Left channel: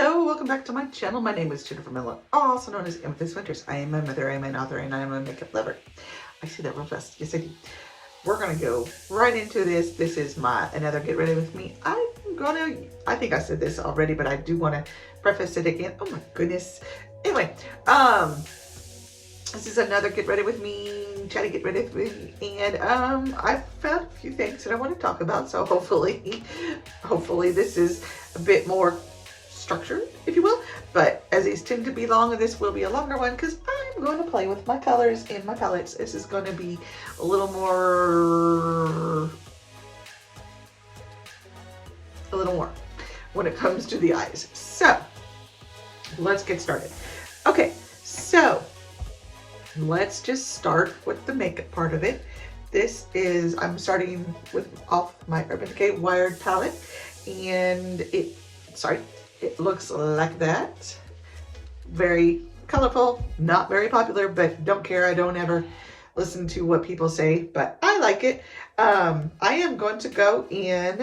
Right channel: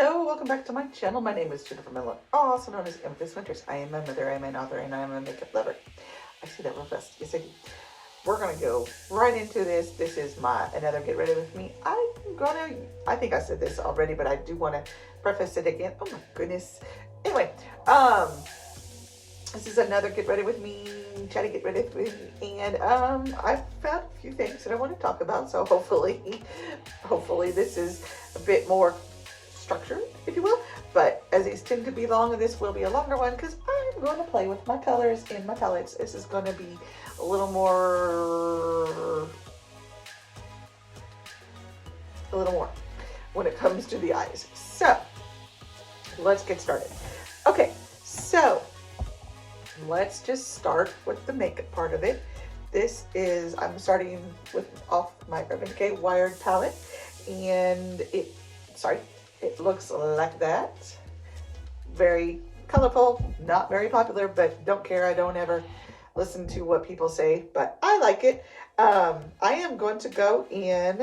Hello, welcome back to my channel. My name is Jennifer Miller, also known as Amethyst Winters. I am a mother, I am an author, and I am a makeup lover. I see that real fast. Yes, I do. We're gonna go right into this. This is another Get Ready With Me. I think I said this already, but I do want to preface it again. Oh my goodness. Anyway, this is another Get Ready With Me, Chatty Get Ready With Me, and I found a few things that I want to talk about, so hopefully this is a bit more structured, if you will, but as these tend to be long, this will be a longer one because I'm going to play with my colors and my palettes. This is going to be a little more when it comes to the eyes. So let's get started. Okay, so let's just start with the makeup part of it. I'm starting off my Urban Decay Wired palette, and it looks like that. Very colorful, not very popular, but don't care. I don't ever listen to what people say, but I like it. I am going to go in.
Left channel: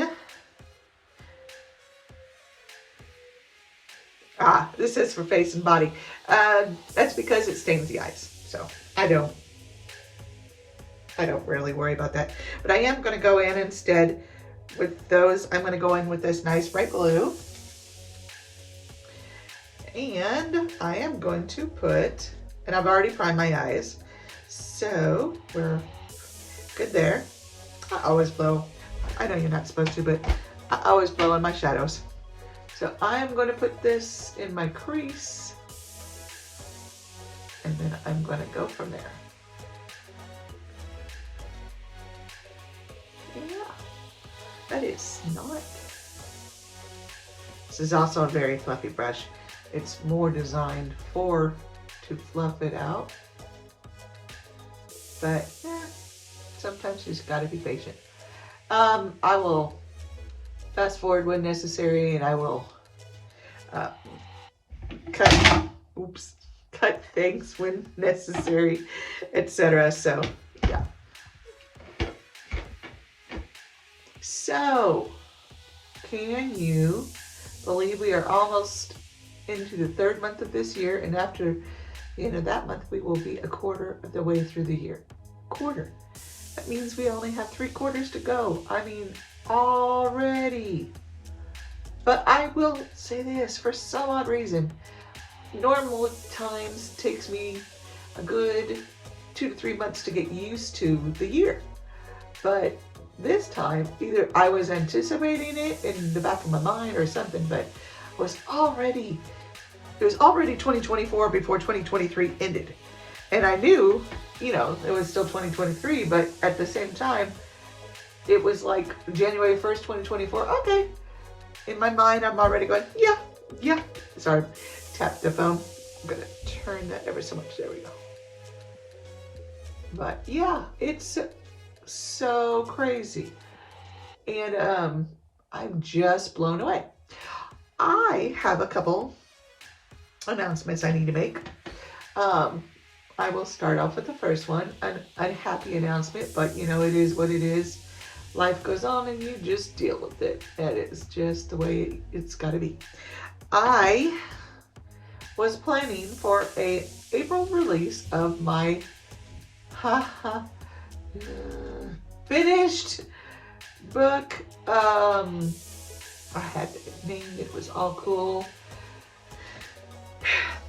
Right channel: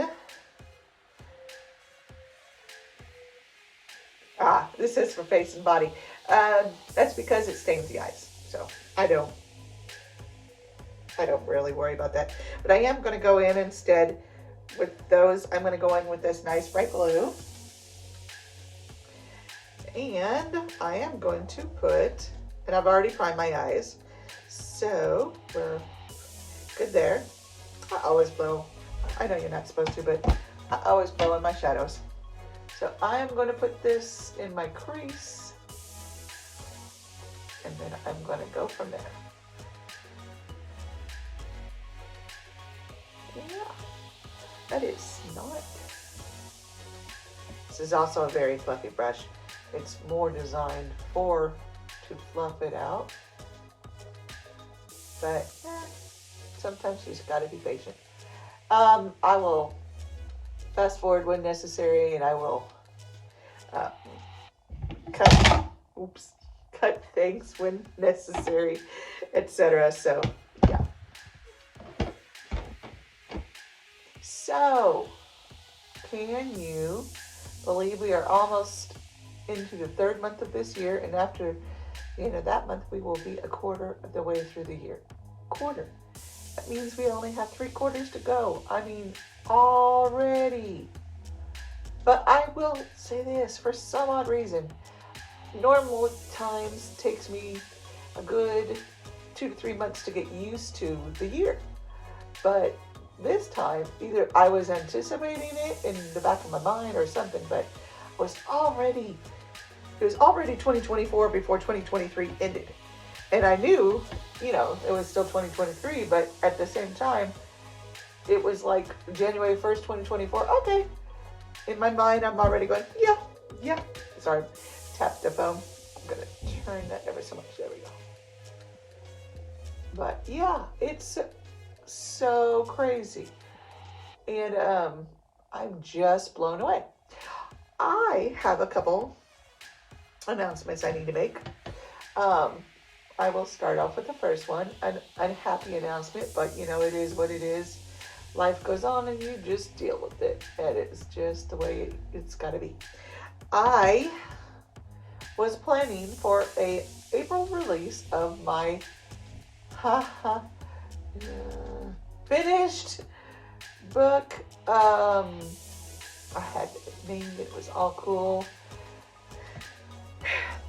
This is for face and body. That's because it stains the eyes, so I don't really worry about that. But I am going to go in instead with those. I'm going to go in with this nice bright blue. And I am going to put, and I've already primed my eyes, so we're good there. I always blow, I know you're not supposed to, but I always blow on my shadows. So I am going to put this in my crease, and then I'm going to go from there. Yeah, that is not. This is also a very fluffy brush. It's more designed to fluff it out, but sometimes you just gotta be patient. I will fast forward when necessary, and I will cut things when necessary, etc. So yeah. So can you believe we are almost into the third month of this year, and after the end of that month we will be a quarter of the way through the year. Quarter. That means we only have 3 quarters to go. I mean, already. But I will say this, for some odd reason, normal times takes me a good 2 to 3 months to get used to the year. But this time, either I was anticipating it in the back of my mind or something, but it was already 2024 before 2023 ended. And I knew, it was still 2023, but at the same time, it was like January 1st, 2024. Okay. In my mind, I'm already going, yeah. Sorry, tap the phone. I'm going to turn that ever so much. There we go. But yeah, it's so crazy. And I'm just blown away. I have a couple announcements I need to make. I will start off with the first one, an unhappy announcement, but it is what it is. Life goes on and you just deal with it. That is just the way it's got to be. I was planning for a April release of my finished book. I had it named, it was all cool.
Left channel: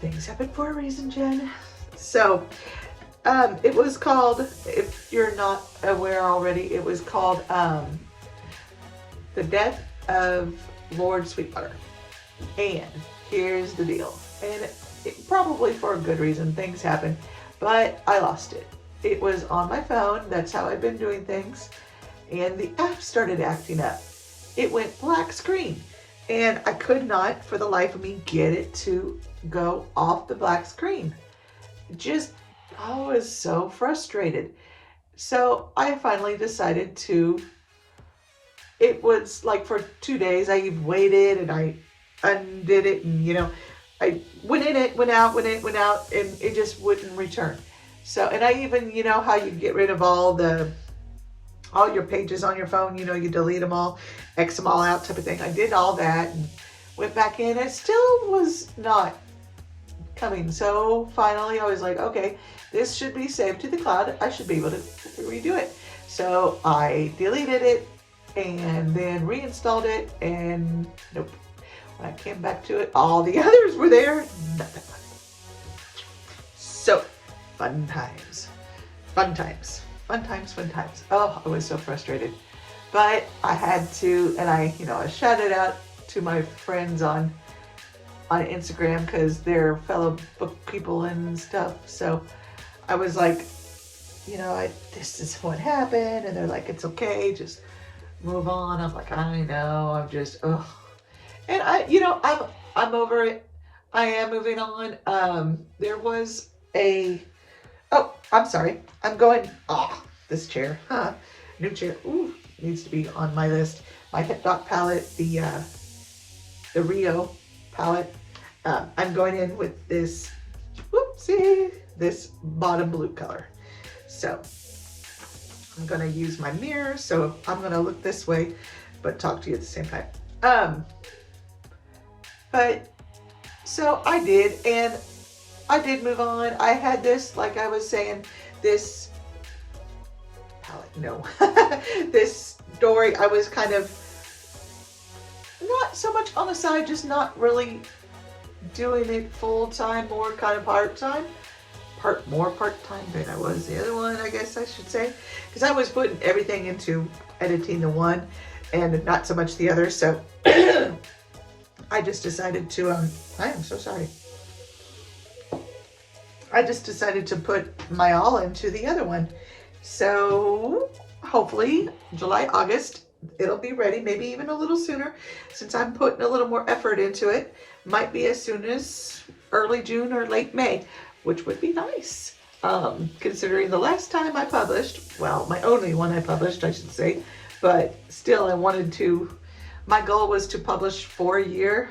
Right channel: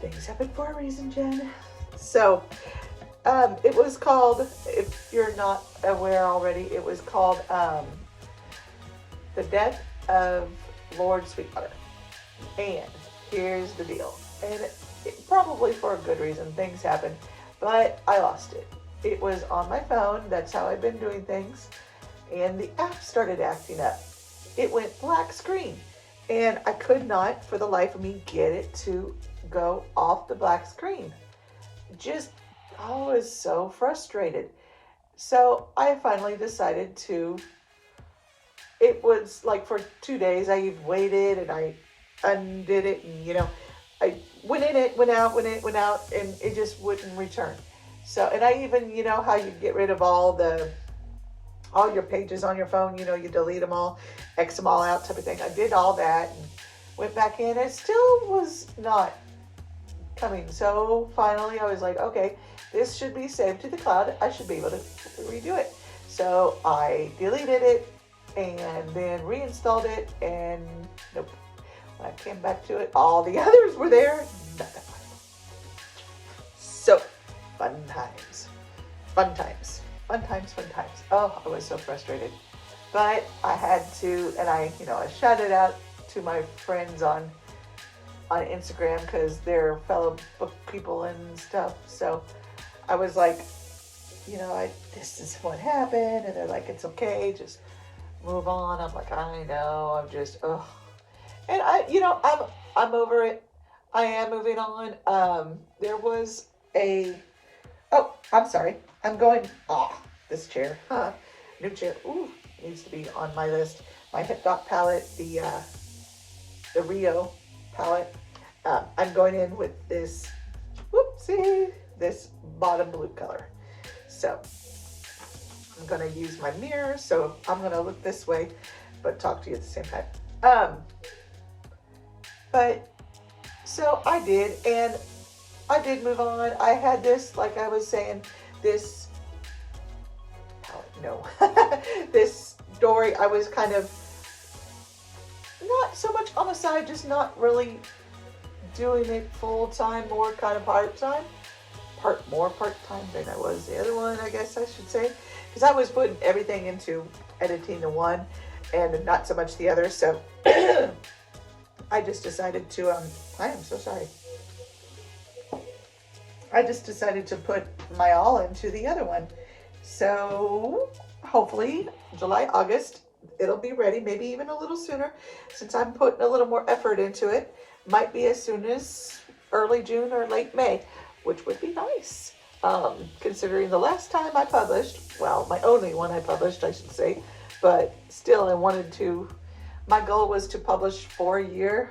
Things happen for a reason, Jen. So, it was called, if you're not aware already, it was called The Death of Lord Sweetwater. And here's the deal. And it probably for a good reason, things happen, but I lost it. It was on my phone, that's how I've been doing things, and the app started acting up. It went black screen, and I could not, for the life of me, get it to go off the black screen. I was so frustrated. So I finally decided it was like for 2 days, I waited and I undid it, and I went in it, went out, went in, went out, and it just wouldn't return. So, and I even, how you get rid of all your pages on your phone, you delete them all, X them all out type of thing. I did all that, and went back in, it still was not coming. So finally I was like, okay, this should be saved to the cloud. I should be able to redo it. So I deleted it and then reinstalled it, and nope. When I came back to it, all the others were there. Nothing. So fun times, fun times, fun times, fun times. Oh, I was so frustrated, but I had to, and I shouted out to my friends on Instagram because they're fellow book people and stuff. So I was like, this is what happened, and they're like, it's okay, just move on. I'm like, I know, I'm just, ugh. And I'm over it. I am moving on. There was I'm sorry. I'm going, this chair, new chair, ooh, needs to be on my list. My Hip Dog palette, the Rio palette. I'm going in with this, this bottom blue color. So I'm gonna use my mirror, so I'm gonna look this way, but talk to you at the same time. But so I did, and I did move on. I had this, like I was saying, this palette, no, this story, I was kind of not so much on the side, just not really doing it full time, more kind of part-time. More part-time than I was the other one, I guess I should say, because I was putting everything into editing the one and not so much the other. So I just decided to I am so sorry. I just decided to put my all into the other one. So hopefully July, August, it'll be ready, maybe even a little sooner, since I'm putting a little more effort into it. Might be as soon as early June or late May, which would be nice, considering the last time I published, well, my only one I published, I should say, but still I wanted to, my goal was to publish for a year.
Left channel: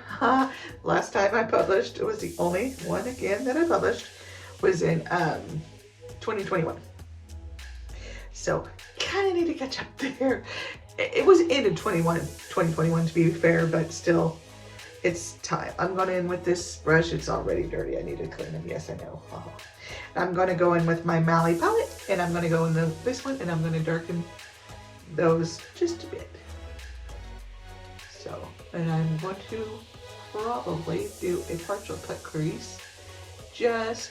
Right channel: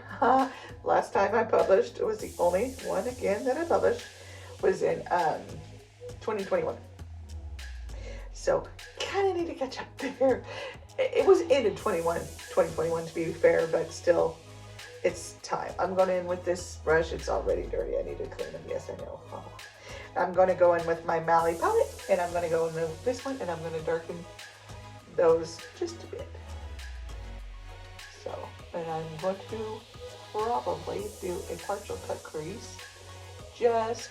Last time I published, it was the only one again that I published, was in 2021. So kind of need to catch up there. It was in 2021 to be fair, but still, it's time. I'm going in with this brush. It's already dirty. I need to clean them. Yes, I know. I'm going to go in with my Mally palette, and I'm going to go in this one, and I'm going to darken those just a bit. So, and I'm going to probably do a partial cut crease. Just,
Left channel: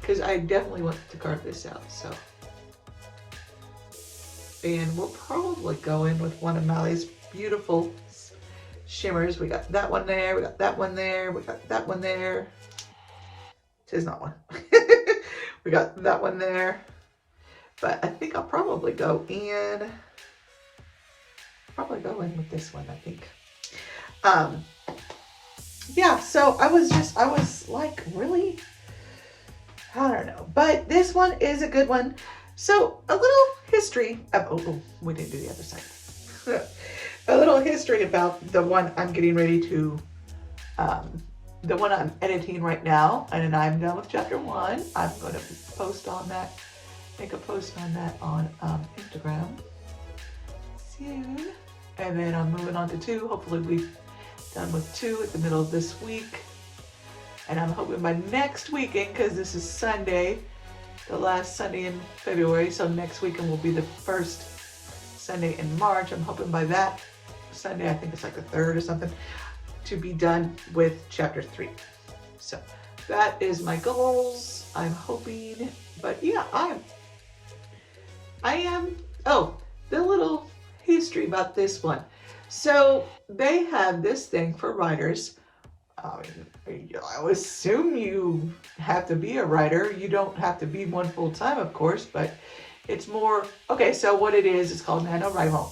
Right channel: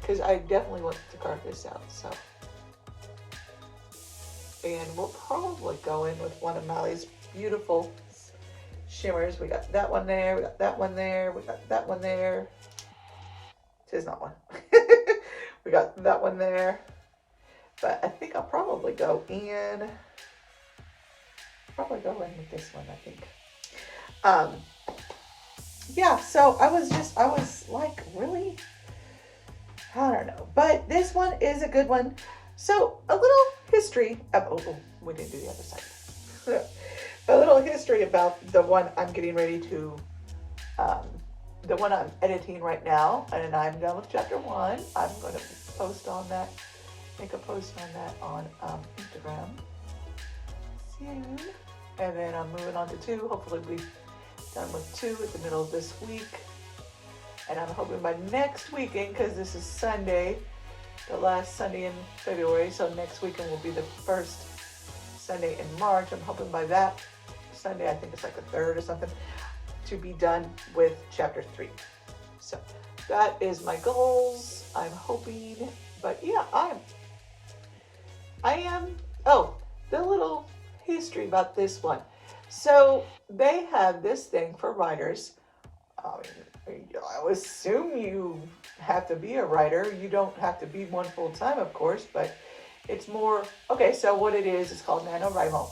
because I definitely want to carve this out. So, and we'll probably go in with one of Mally's beautiful shimmers. We got that one there, we got that one there, we got that one there. It is not one. We got that one there. But I think I'll probably go in with this one, I think. Yeah, so I was like, really? I don't know. But this one is a good one. So a little history of, we didn't do the other side. A little history about the one I'm getting ready to, the one I'm editing right now, and then I'm done with chapter 1. I'm going to post on that, make a post on that on Instagram soon. And then I'm moving on to 2. Hopefully we'll be done with 2 at the middle of this week. And I'm hoping by next weekend, because this is Sunday, the last Sunday in February, so next weekend will be the first Sunday in March. I'm hoping by that Sunday, I think it's like the 3rd or something, to be done with chapter 3. So that is my goals. I'm hoping, but yeah, I am, the little history about this one. So they have this thing for writers. I would assume you have to be a writer. You don't have to be one full time, of course, but it's more, okay, so what it is, it's called NaNoWriMo.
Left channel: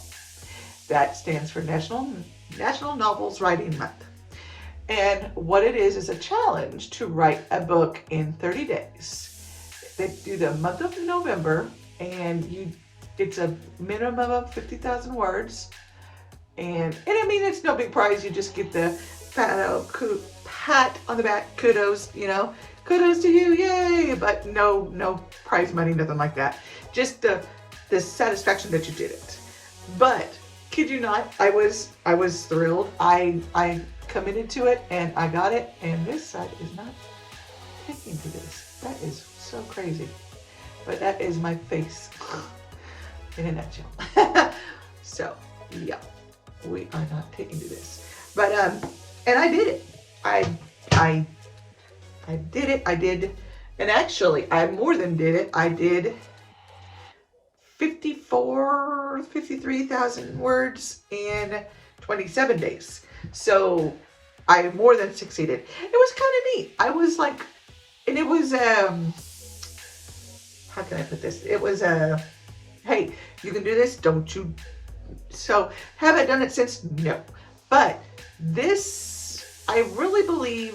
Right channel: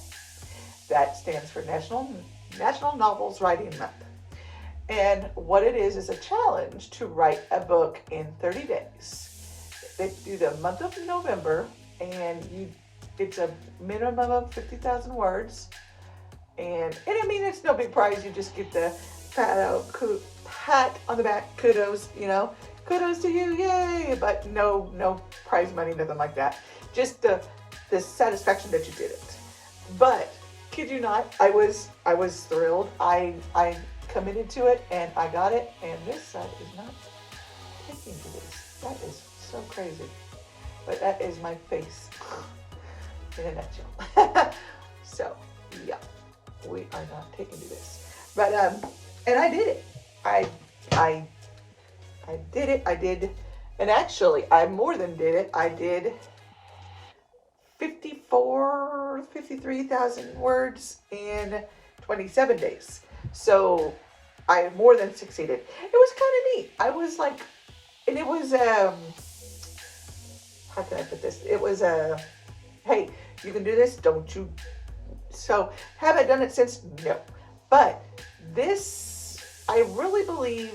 That stands for National Novels Writing Month. And what it is a challenge to write a book in 30 days. They do the month of November, and it's a minimum of 50,000 words. And I mean, it's no big prize. You just get the pat on the back, kudos, kudos to you, yay! But no prize money, nothing like that. Just the satisfaction that you did it. But kid you not, I was thrilled. I committed to it and I got it, and this side is not taking to this. That is so crazy. But that is my face in a nutshell. So yeah, we are not taking to this. But and I did it. I did it. I did, and actually I more than did it. I did 53,000 words in 27 days. So I more than succeeded. It was kind of neat. I was like, and it was, how can I put this? It was, hey, you can do this, don't you? So have I done it since? No. But this, I really believe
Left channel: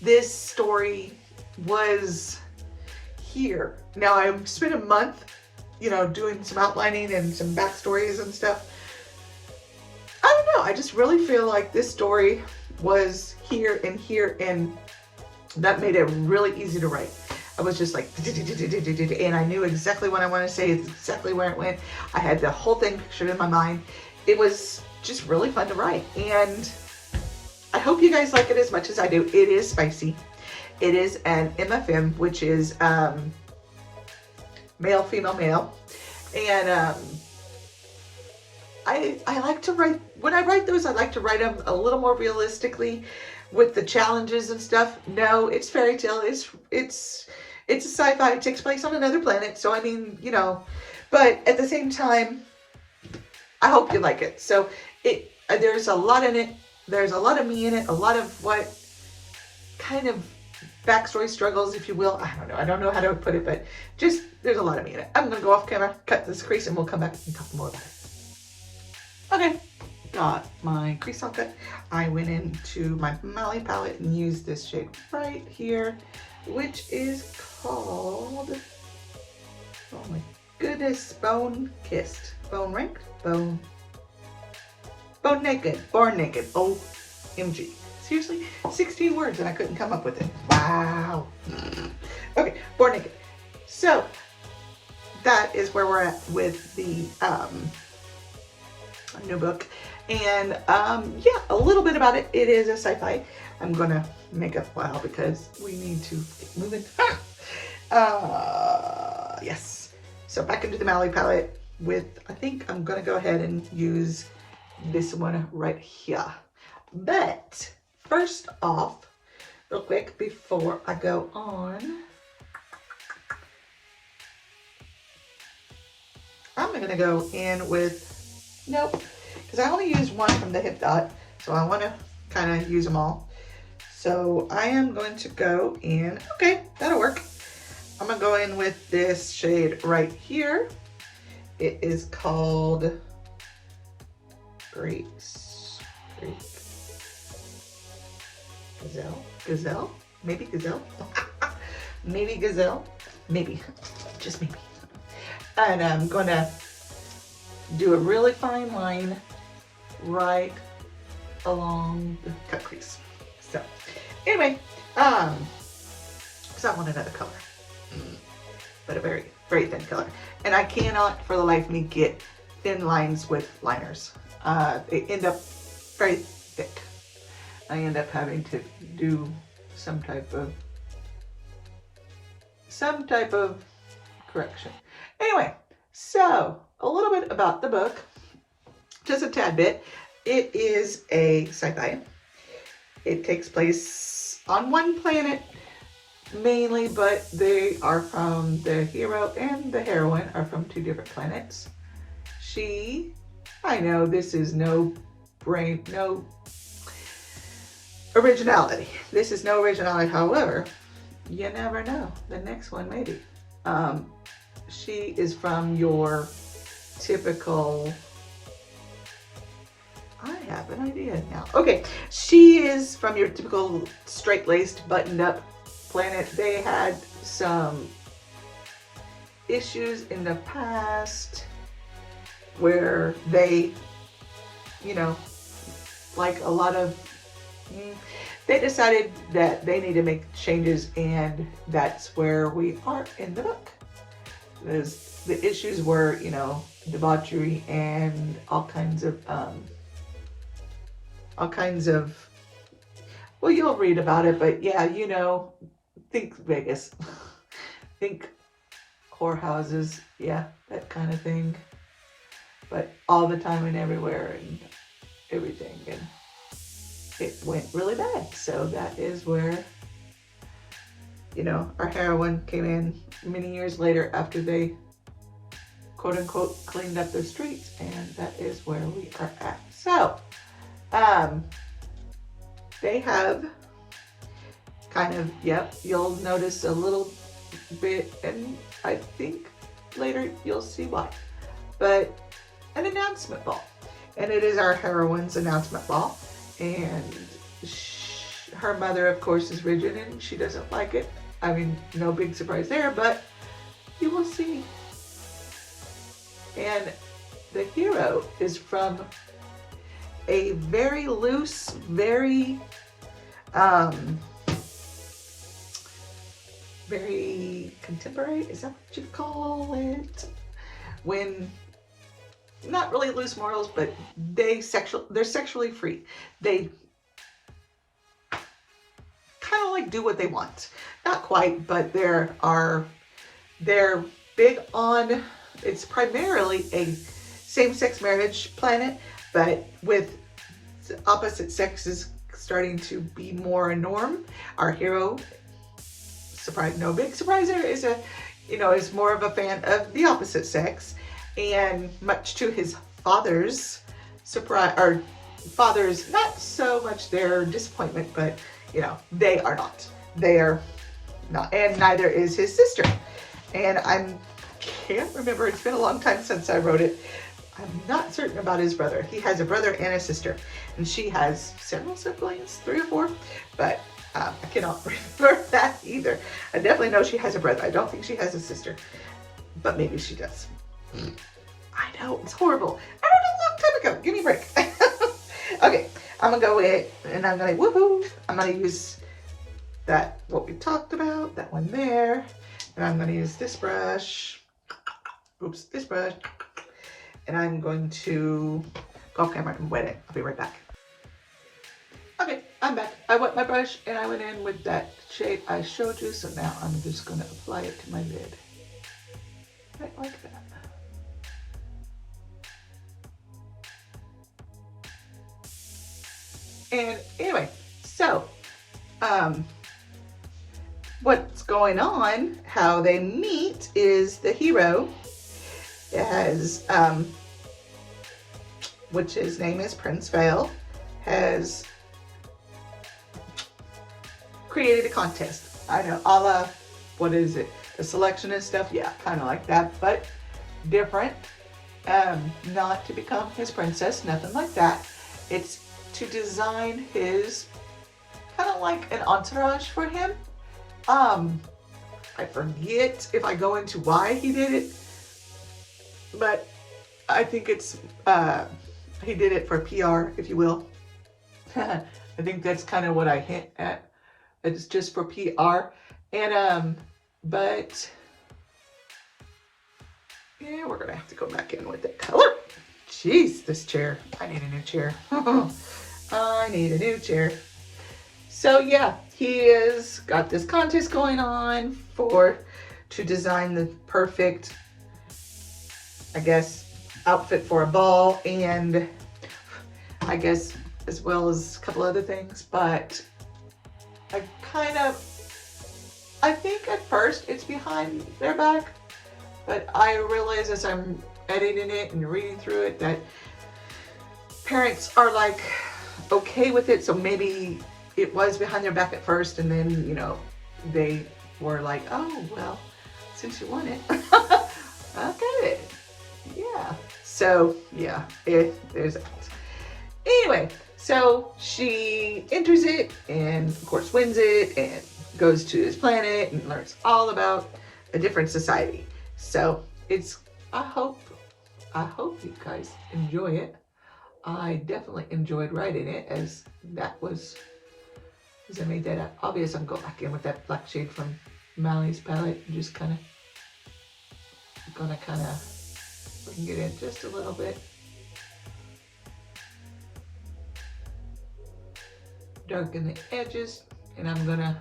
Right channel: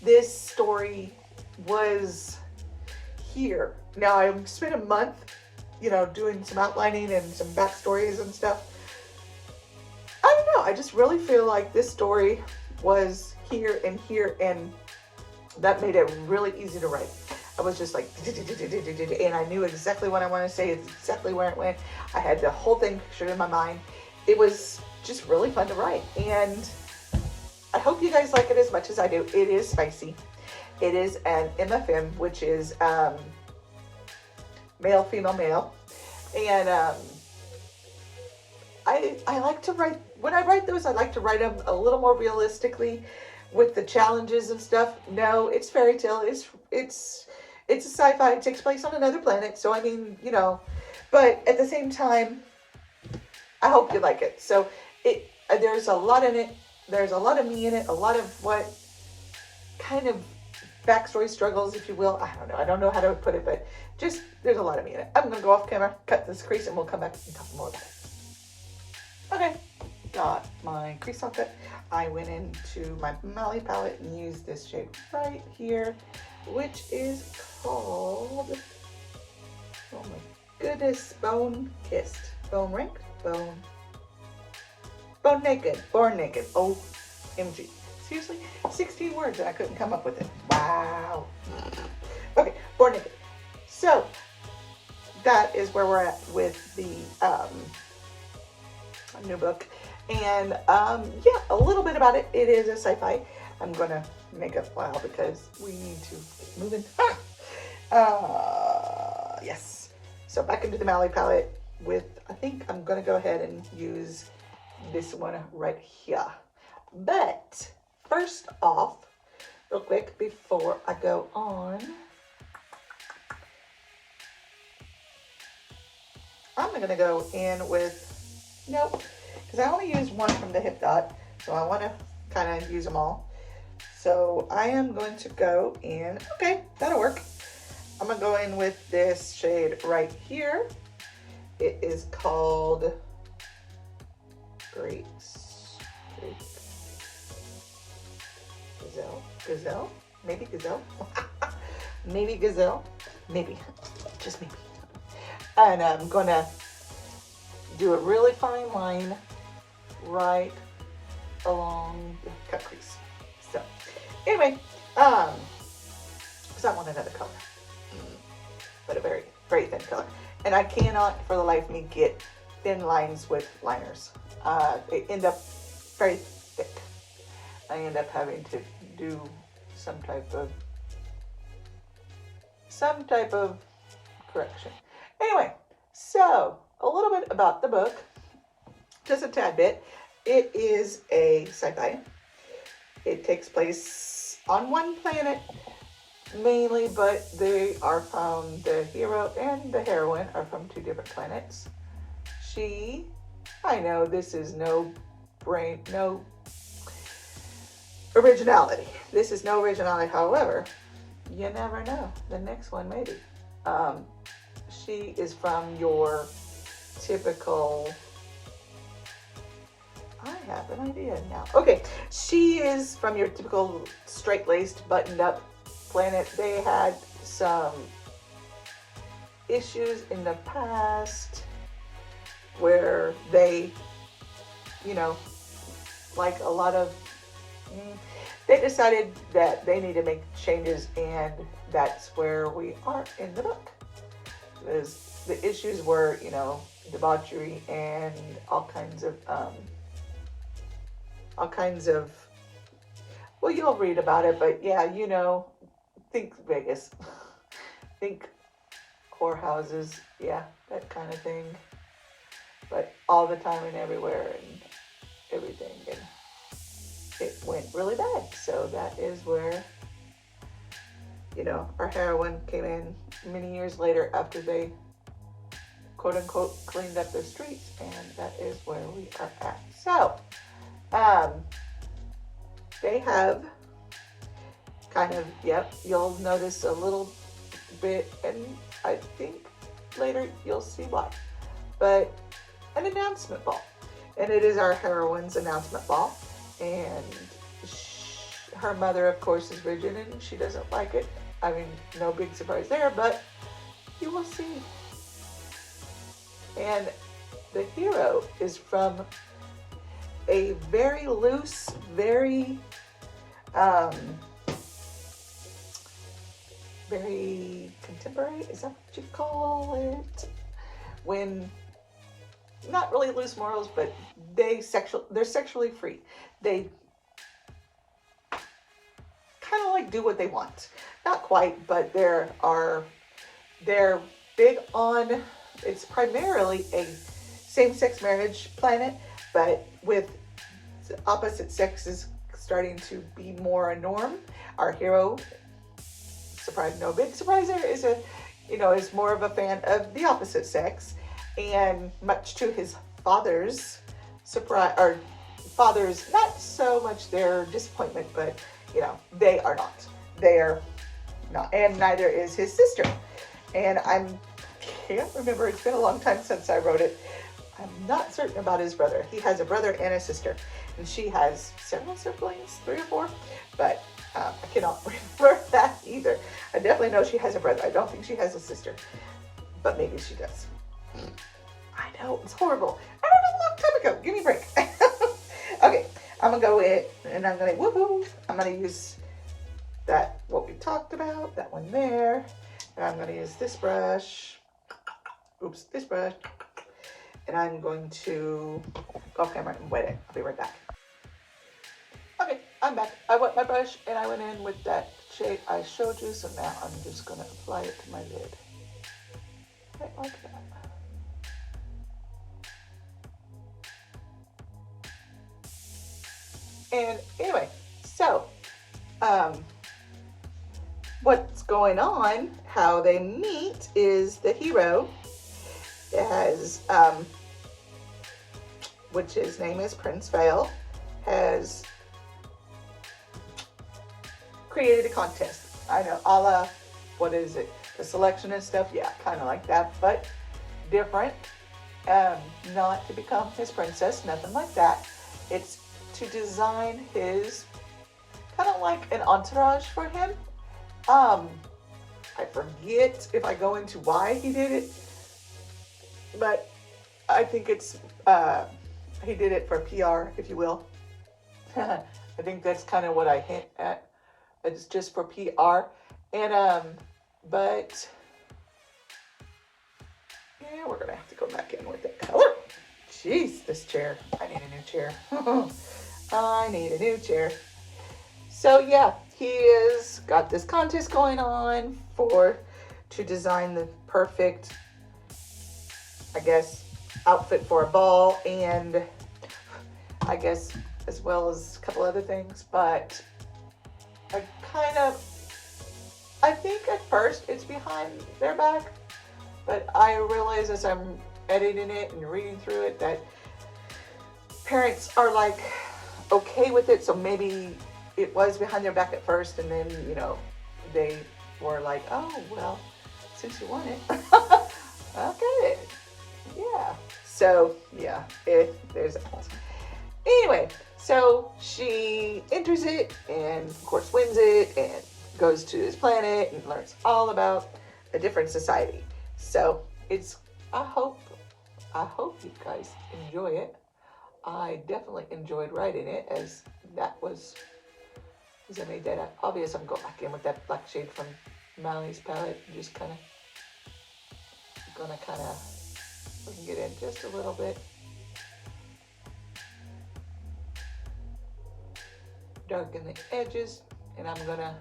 this story was here. Now I spent a month, you know, doing some outlining and some backstories and stuff. I don't know. I just really feel like this story was here, and that made it really easy to write. I was just like, and I knew exactly what I wanted to say, exactly where it went. I had the whole thing pictured in my mind. It was just really fun to write, and I hope you guys like it as much as I do. It is spicy. It is an MFM, which is male, female, male. And I like to write, when I write those, I like to write them a little more realistically with the challenges and stuff. No, it's fairy tale. It's a sci-fi. It takes place on another planet. So, I mean, you know, but at the same time, I hope you like it. So there's a lot in it. There's a lot of me in it. A lot of what kind of backstory struggles, if you will. I don't know. I don't know how to put it, but just there's a lot of me in it. I'm going to go off camera, cut this crease, and we'll come back and talk more about it. Okay. Got my crease all cut. I went into my Mali palette and used this shade right here, which is called, oh my goodness, Bone Kissed. Bone Ranked? Bone Naked. Born Naked. OMG. Seriously? 16 words and I couldn't come up with it. Wow. Okay, Born Naked. So, that is where we're at with the new book. And yeah, a little bit about it. It is a sci-fi. I'm gonna make a file because we need to get moving. Yes. So back into the Mali palette with, I think I'm gonna go ahead and use this one right here. But first off, real quick, before I go on, I'm gonna go in with, nope, because I only use one from the Hip Dot, so I want to kind of use them all. So I am going to go in, okay, that'll work. I'm going to go in with this shade right here. It is called Gazelle? Maybe Gazelle? Maybe Gazelle? Maybe, just maybe. And I'm going to do a really fine line right along the cut crease. So anyway, because I want another color, but a very, very thin color. And I cannot for the life of me get thin lines with liners. They end up very thick. I end up having to do some type of correction. Anyway, so a little bit about the book, just a tad bit. It is a sci-fi. It takes place on one planet mainly, but they are from, the hero and the heroine are from two different planets. I know this is no originality. This is no originality, however, you never know. The next one maybe. She is from your typical, I have an idea now. Okay, she is from your typical straight-laced, buttoned-up planet. They had some issues in the past where they, you know, like a lot of, they decided that they need to make changes, and that's where we are in the book. The issues were, you know, debauchery and all kinds of, well, you'll read about it, but yeah, you know, think Vegas, think whorehouses, yeah, that kind of thing, but all the time and everywhere and everything, and it went really bad. So that is where, you know, our heroine came in many years later after they quote unquote cleaned up their streets, and that is where we are at. So they have kind of, yep, you'll notice a little bit, and I think later you'll see why, but an announcement ball, and it is our heroine's announcement ball, and her mother of course is rigid and she doesn't like it. I mean, no big surprise there, but you will see. And the hero is from a very loose, very very contemporary, is that what you call it? When, not really loose morals, but they're sexually free. They kind of like do what they want. Not quite, but they're big on, it's primarily a same-sex marriage planet, but with opposite sexes starting to be more a norm. Our hero, surprise, no big surprise there, is is more of a fan of the opposite sex, and much to his father's surprise, or father's not so much their disappointment, but they are not. They're not, and neither is his sister. And I can't remember, it's been a long time since I wrote it. I'm not certain about his brother. He has a brother and a sister, and she has several siblings, 3 or 4, but I cannot remember that either. I definitely know she has a brother. I don't think she has a sister, but maybe she does. I know, it's horrible. I wrote it a long time ago. Give me a break. Okay, I'm gonna go in and I'm gonna woohoo. I'm gonna use that, what we talked about, that one there, and I'm gonna use this brush. Oops, this brush. And I'm going to go off camera and wet it. I'll be right back. Okay, I'm back. I wet my brush and I went in with that shade I showed you, so now I'm just going to apply it to my lid. Right like that. And anyway, so what's going on, how they meet, is the hero has, which his name is Prince Vale, has created a contest. I know, a la, what is it? The selection and stuff? Yeah, kind of like that, but different. Not to become his princess, nothing like that. It's to design his, kind of like an entourage for him. I forget if I go into why he did it, but I think it's, he did it for PR, if you will. I think that's kind of what I hint at. It's just for PR. And, but, yeah, we're going to have to go back in with the color. Jeez, this chair. I need a new chair. I need a new chair. So, yeah, he has got this contest going on to design the perfect, I guess, outfit for a ball, and I guess as well as a couple other things. But I think at first it's behind their back, but I realize as I'm editing it and reading through it that parents are like okay with it, so maybe it was behind their back at first, and then they were like, oh well, since you want it, I'll get it. Yeah. So yeah, there's that. Anyway, so she enters it and of course wins it and goes to this planet and learns all about a different society. So it's, I hope you guys enjoy it. I definitely enjoyed writing it, as I made that obvious. I'm going back in with that black shade from Mally's palette and just gonna We can get in just a little bit. Darken the edges, and I'm gonna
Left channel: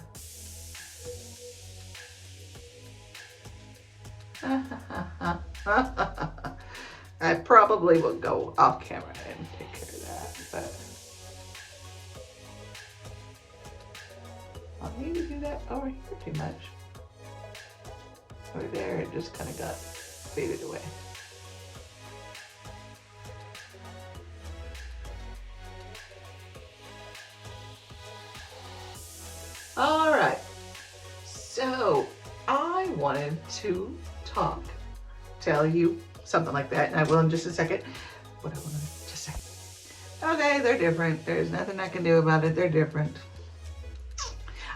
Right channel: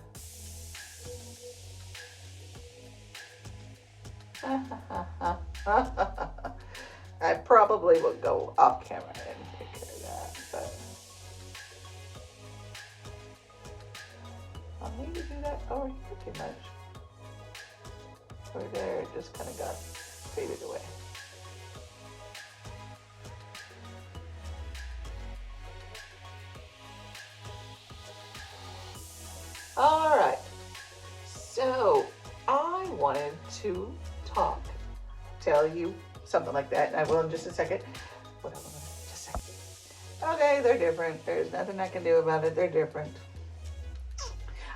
I probably will go off camera and take care of that, but I'll need to do that over here too much. Over there, it just kind of got faded away. All right, so I wanted to tell you something like that, and I will in just a second. What I will in just a second. Okay, they're different. There's nothing I can do about it. They're different.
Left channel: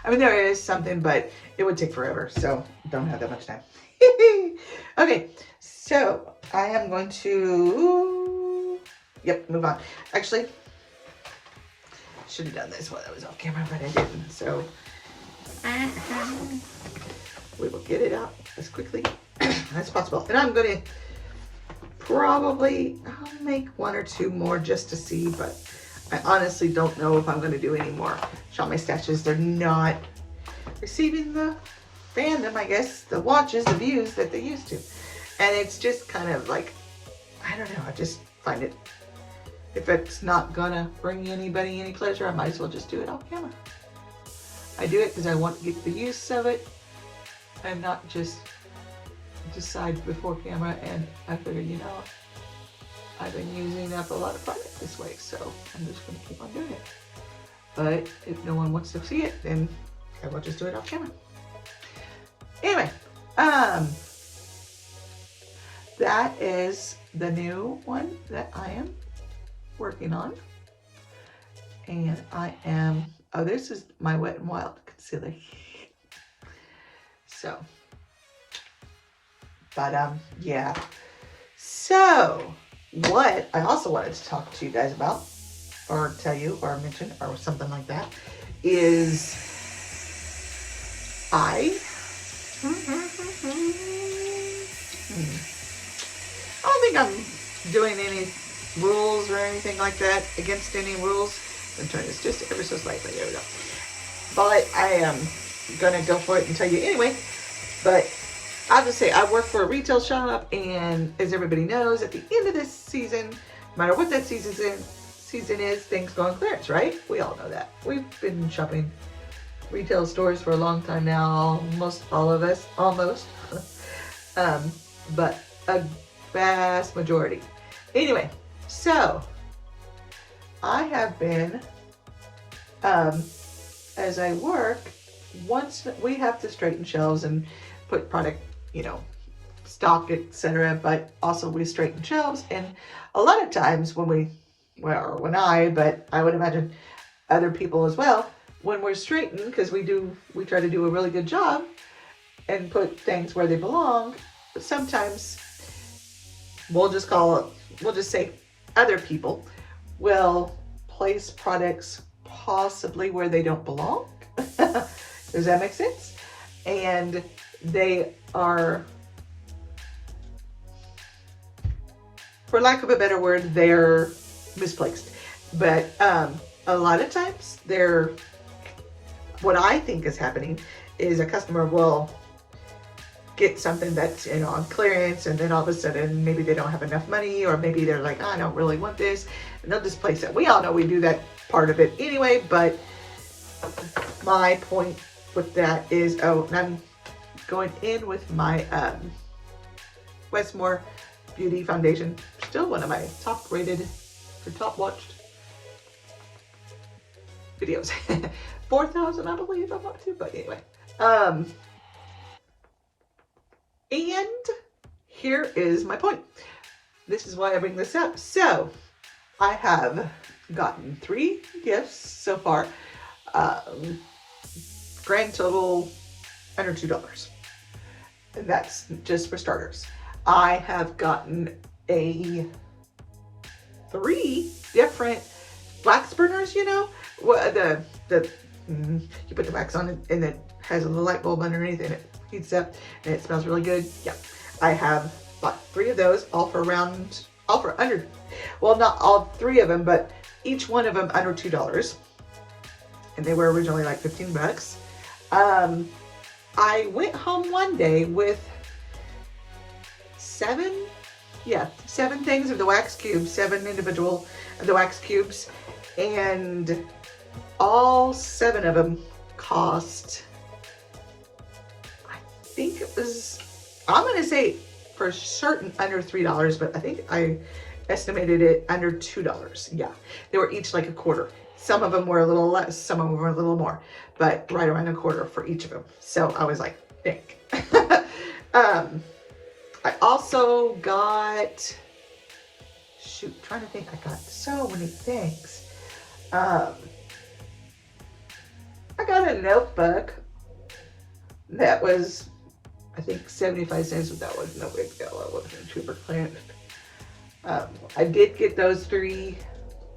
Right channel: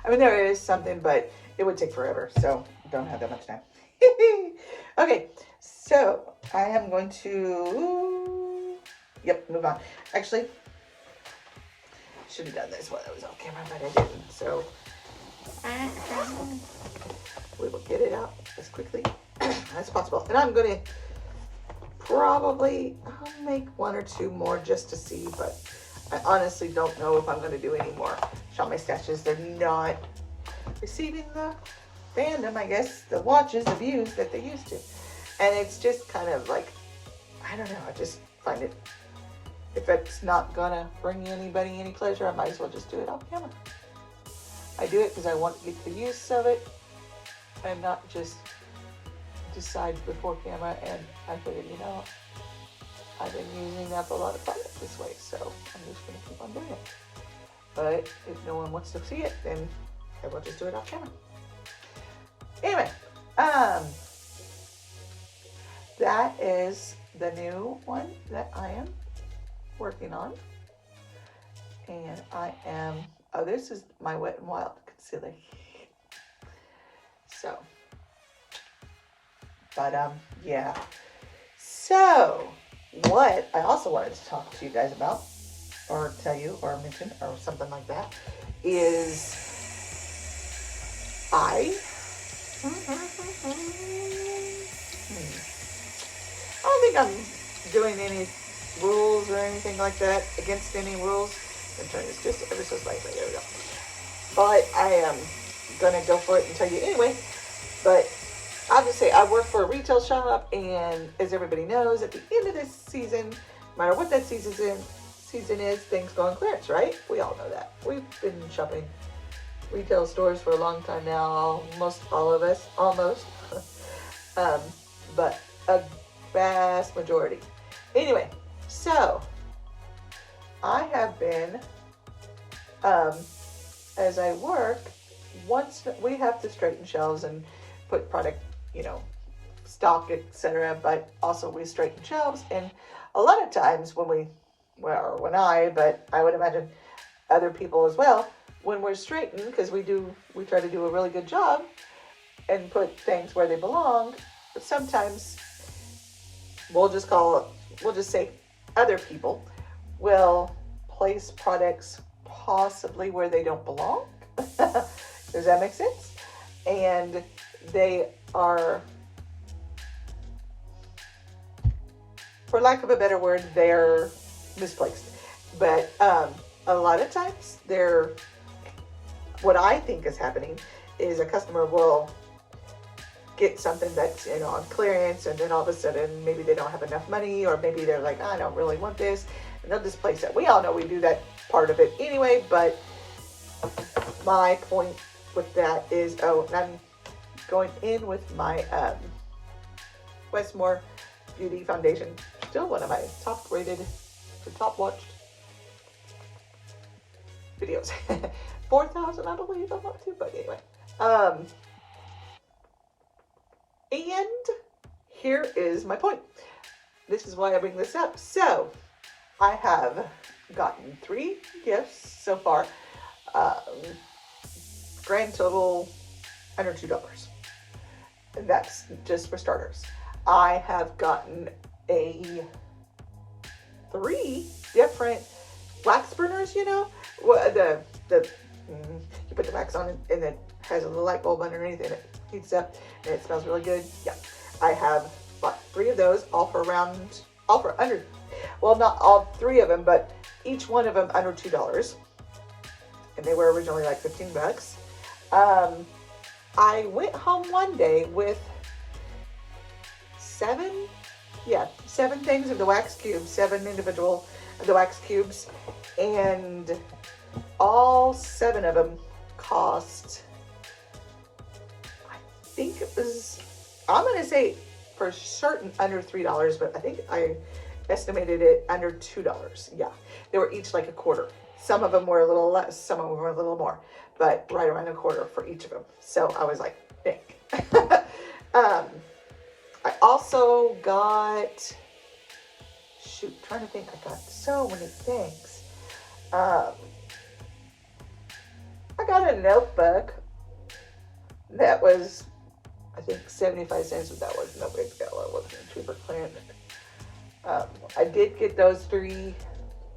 I mean, there is something, but it would take forever, so don't have that much time. Okay, so I am going to, move on. Actually, I should have done this while I was off camera, but I didn't, so we will get it out as quickly as possible. And I'm going to probably, I'll make one or two more just to see, but I honestly don't know if I'm going to do any more Shop My Stashes. They're not receiving the fandom, I guess, the watches, the views that they used to. And it's just kind of like, I don't know, I just find it, if it's not gonna bring anybody any pleasure, I might as well just do it off camera. I do it because I want to get the use of it and not just decide before camera, and I figured, you know, I've been using up a lot of product this way, so I'm just gonna keep on doing it. But if no one wants to see it, then I will just do it off camera. Anyway, that is the new one that I am working on. And I am, oh, this is my Wet n Wild concealer. So, but yeah. So, what I also wanted to talk to you guys about, or tell you, or mention, or something like that, is I don't think I'm doing any rules or anything like that, against any rules. I'm trying this just ever so slightly. There we go. But I am gonna go for it and tell you anyway. But I would say I work for a retail shop, and as everybody knows, at the end of this season, no matter what that season is, things go on clearance, right? We all know that. We've been shopping retail stores for a long time now, almost all of us, but a vast majority. Anyway, so I have been, as I work, once we have to straighten shelves and put product, you know, stock, etc., but also we straighten shelves, and a lot of times when but I would imagine other people as well, when we're straightening, because we try to do a really good job and put things where they belong, but sometimes we'll just say other people will place products possibly where they don't belong. Does that make sense? And they are, for lack of a better word, they're misplaced. But a lot of times what I think is happening is a customer will get something that's, you know, on clearance, and then all of a sudden maybe they don't have enough money, or maybe they're like, I don't really want this, and they'll just place it. We all know we do that part of it anyway, but my point with that is, and I'm going in with my Westmore Beauty Foundation, still one of my top rated or top watched videos. 4,000, I believe, I'm up to, but anyway. And here is my point. This is why I bring this up. So, I have gotten 3 gifts so far. Grand total under $2. And that's just for starters. I have gotten 3 different wax burners, you know, you put the wax on it and it has a little light bulb underneath and it heats up and it smells really good. Yeah, I have bought 3 of those, all for under, well, not all 3 of them, but each one of them under $2. And they were originally like 15 bucks. I went home one day with 7 things of the wax cubes, 7 individual of the wax cubes, and all 7 of them cost, I think it was, I'm gonna say for certain under $3, but I think I estimated it under $2. Yeah, they were each like a quarter. Some of them were a little less, some of them were a little more, but right around a quarter for each of them. So I was like, dang. I also got, shoot, trying to think, I got so many things. I got a notebook that was, I think 75 cents, but that was no big deal. It wasn't super clear. I did get those 3.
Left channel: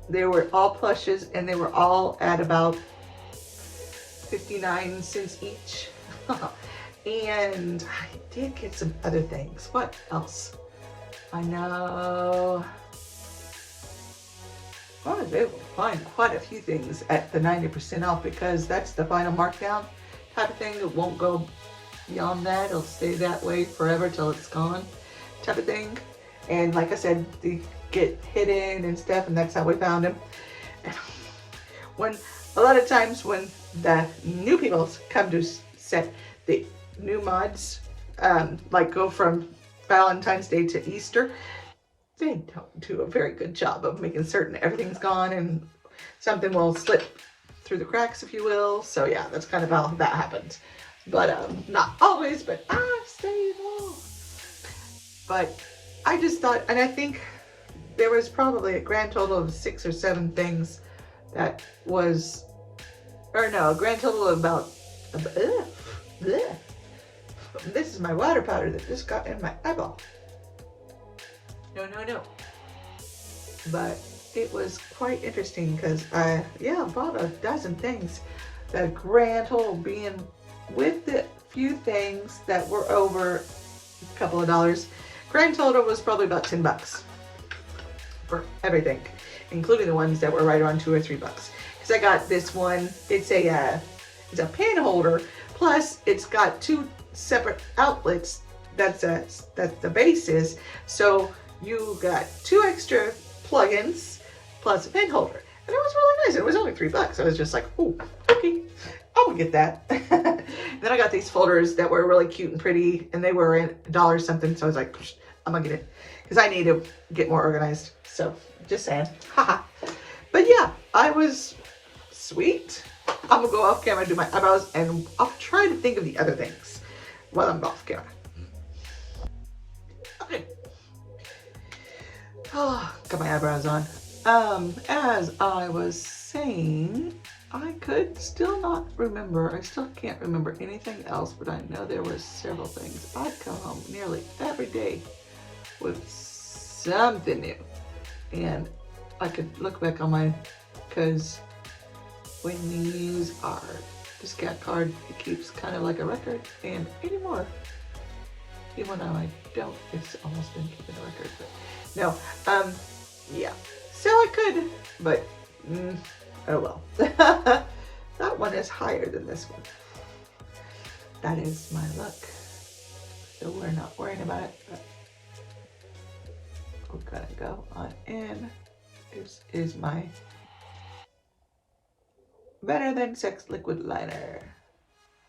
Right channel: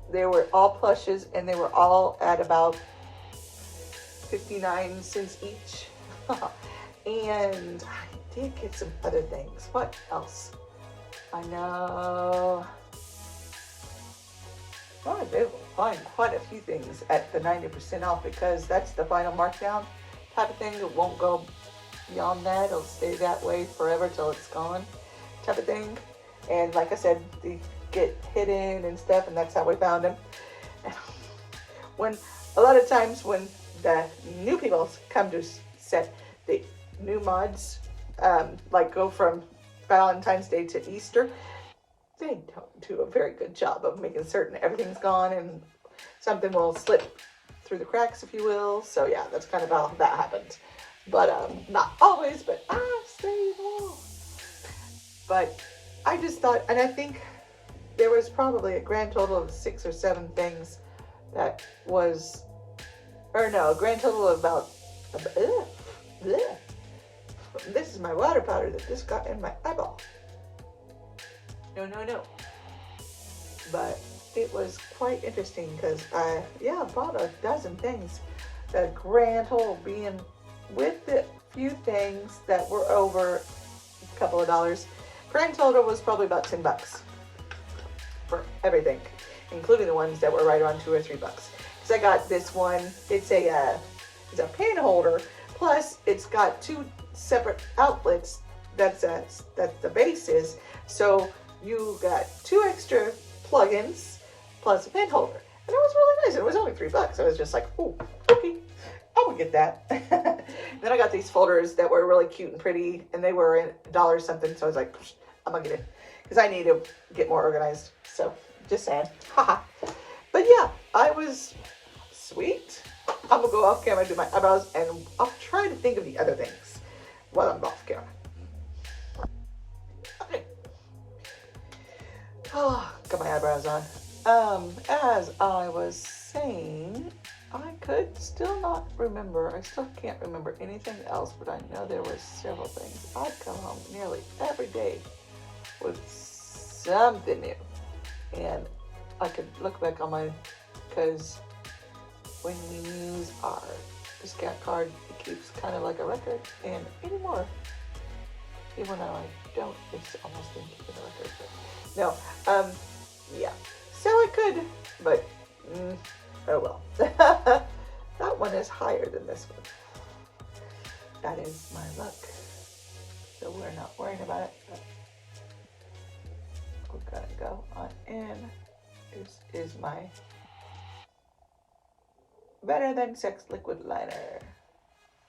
They were all plushes, and they were all at about 59 cents each. And I did get some other things. What else? I know. I was able to find quite a few things at the 90% off, because that's the final markdown type of thing. It won't go beyond that. It'll stay that way forever till it's gone type of thing. And like I said, they get hidden and stuff, and that's how we found them. When a lot of times when the new people come to set the new mods, like go from Valentine's Day to Easter, they don't do a very good job of making certain everything's gone, and something will slip through the cracks, if you will. So yeah, that's kind of how that happens. But not always, but I've seen it all. But I just thought, and I think there was probably a grand total of 6 or 7 things that was, or no, a grand total of about, this is my water powder that just got in my eyeball. No. But it was quite interesting, because I bought a dozen things. The grand total being, with the few things that were over a couple of dollars, grand total was probably about 10 bucks for everything, including the ones that were right around 2 or 3 bucks. Because I got this one, it's a pen holder, plus it's got 2 separate outlets. That's the base is. So you got 2 extra plugins plus a pen holder, and it was really nice. It was only 3 bucks. I was just like, ooh, okay, I will get that. Then I got these folders that were really cute and pretty, and they were in $1 something. So I was like, I'm gonna get it, because I need to get more organized. So just saying, haha. But yeah, I was sweet. I'm gonna go off camera and do my eyebrows, and I'll try to think of the other things while I'm off camera. Okay. Oh, got my eyebrows on. As I was saying, I could still not remember. I still can't remember anything else, but I know there were several things. I'd come home nearly every day with something new, and I could look back on mine, because when you use our discount card, it keeps kind of like a record, and anymore, even though I don't, it's almost been keeping a record. But no, yeah. So I could, but oh well. That one is higher than this one. That is my luck. So we're not worrying about it. But we're gonna go on in. This is my Better Than Sex Liquid Liner.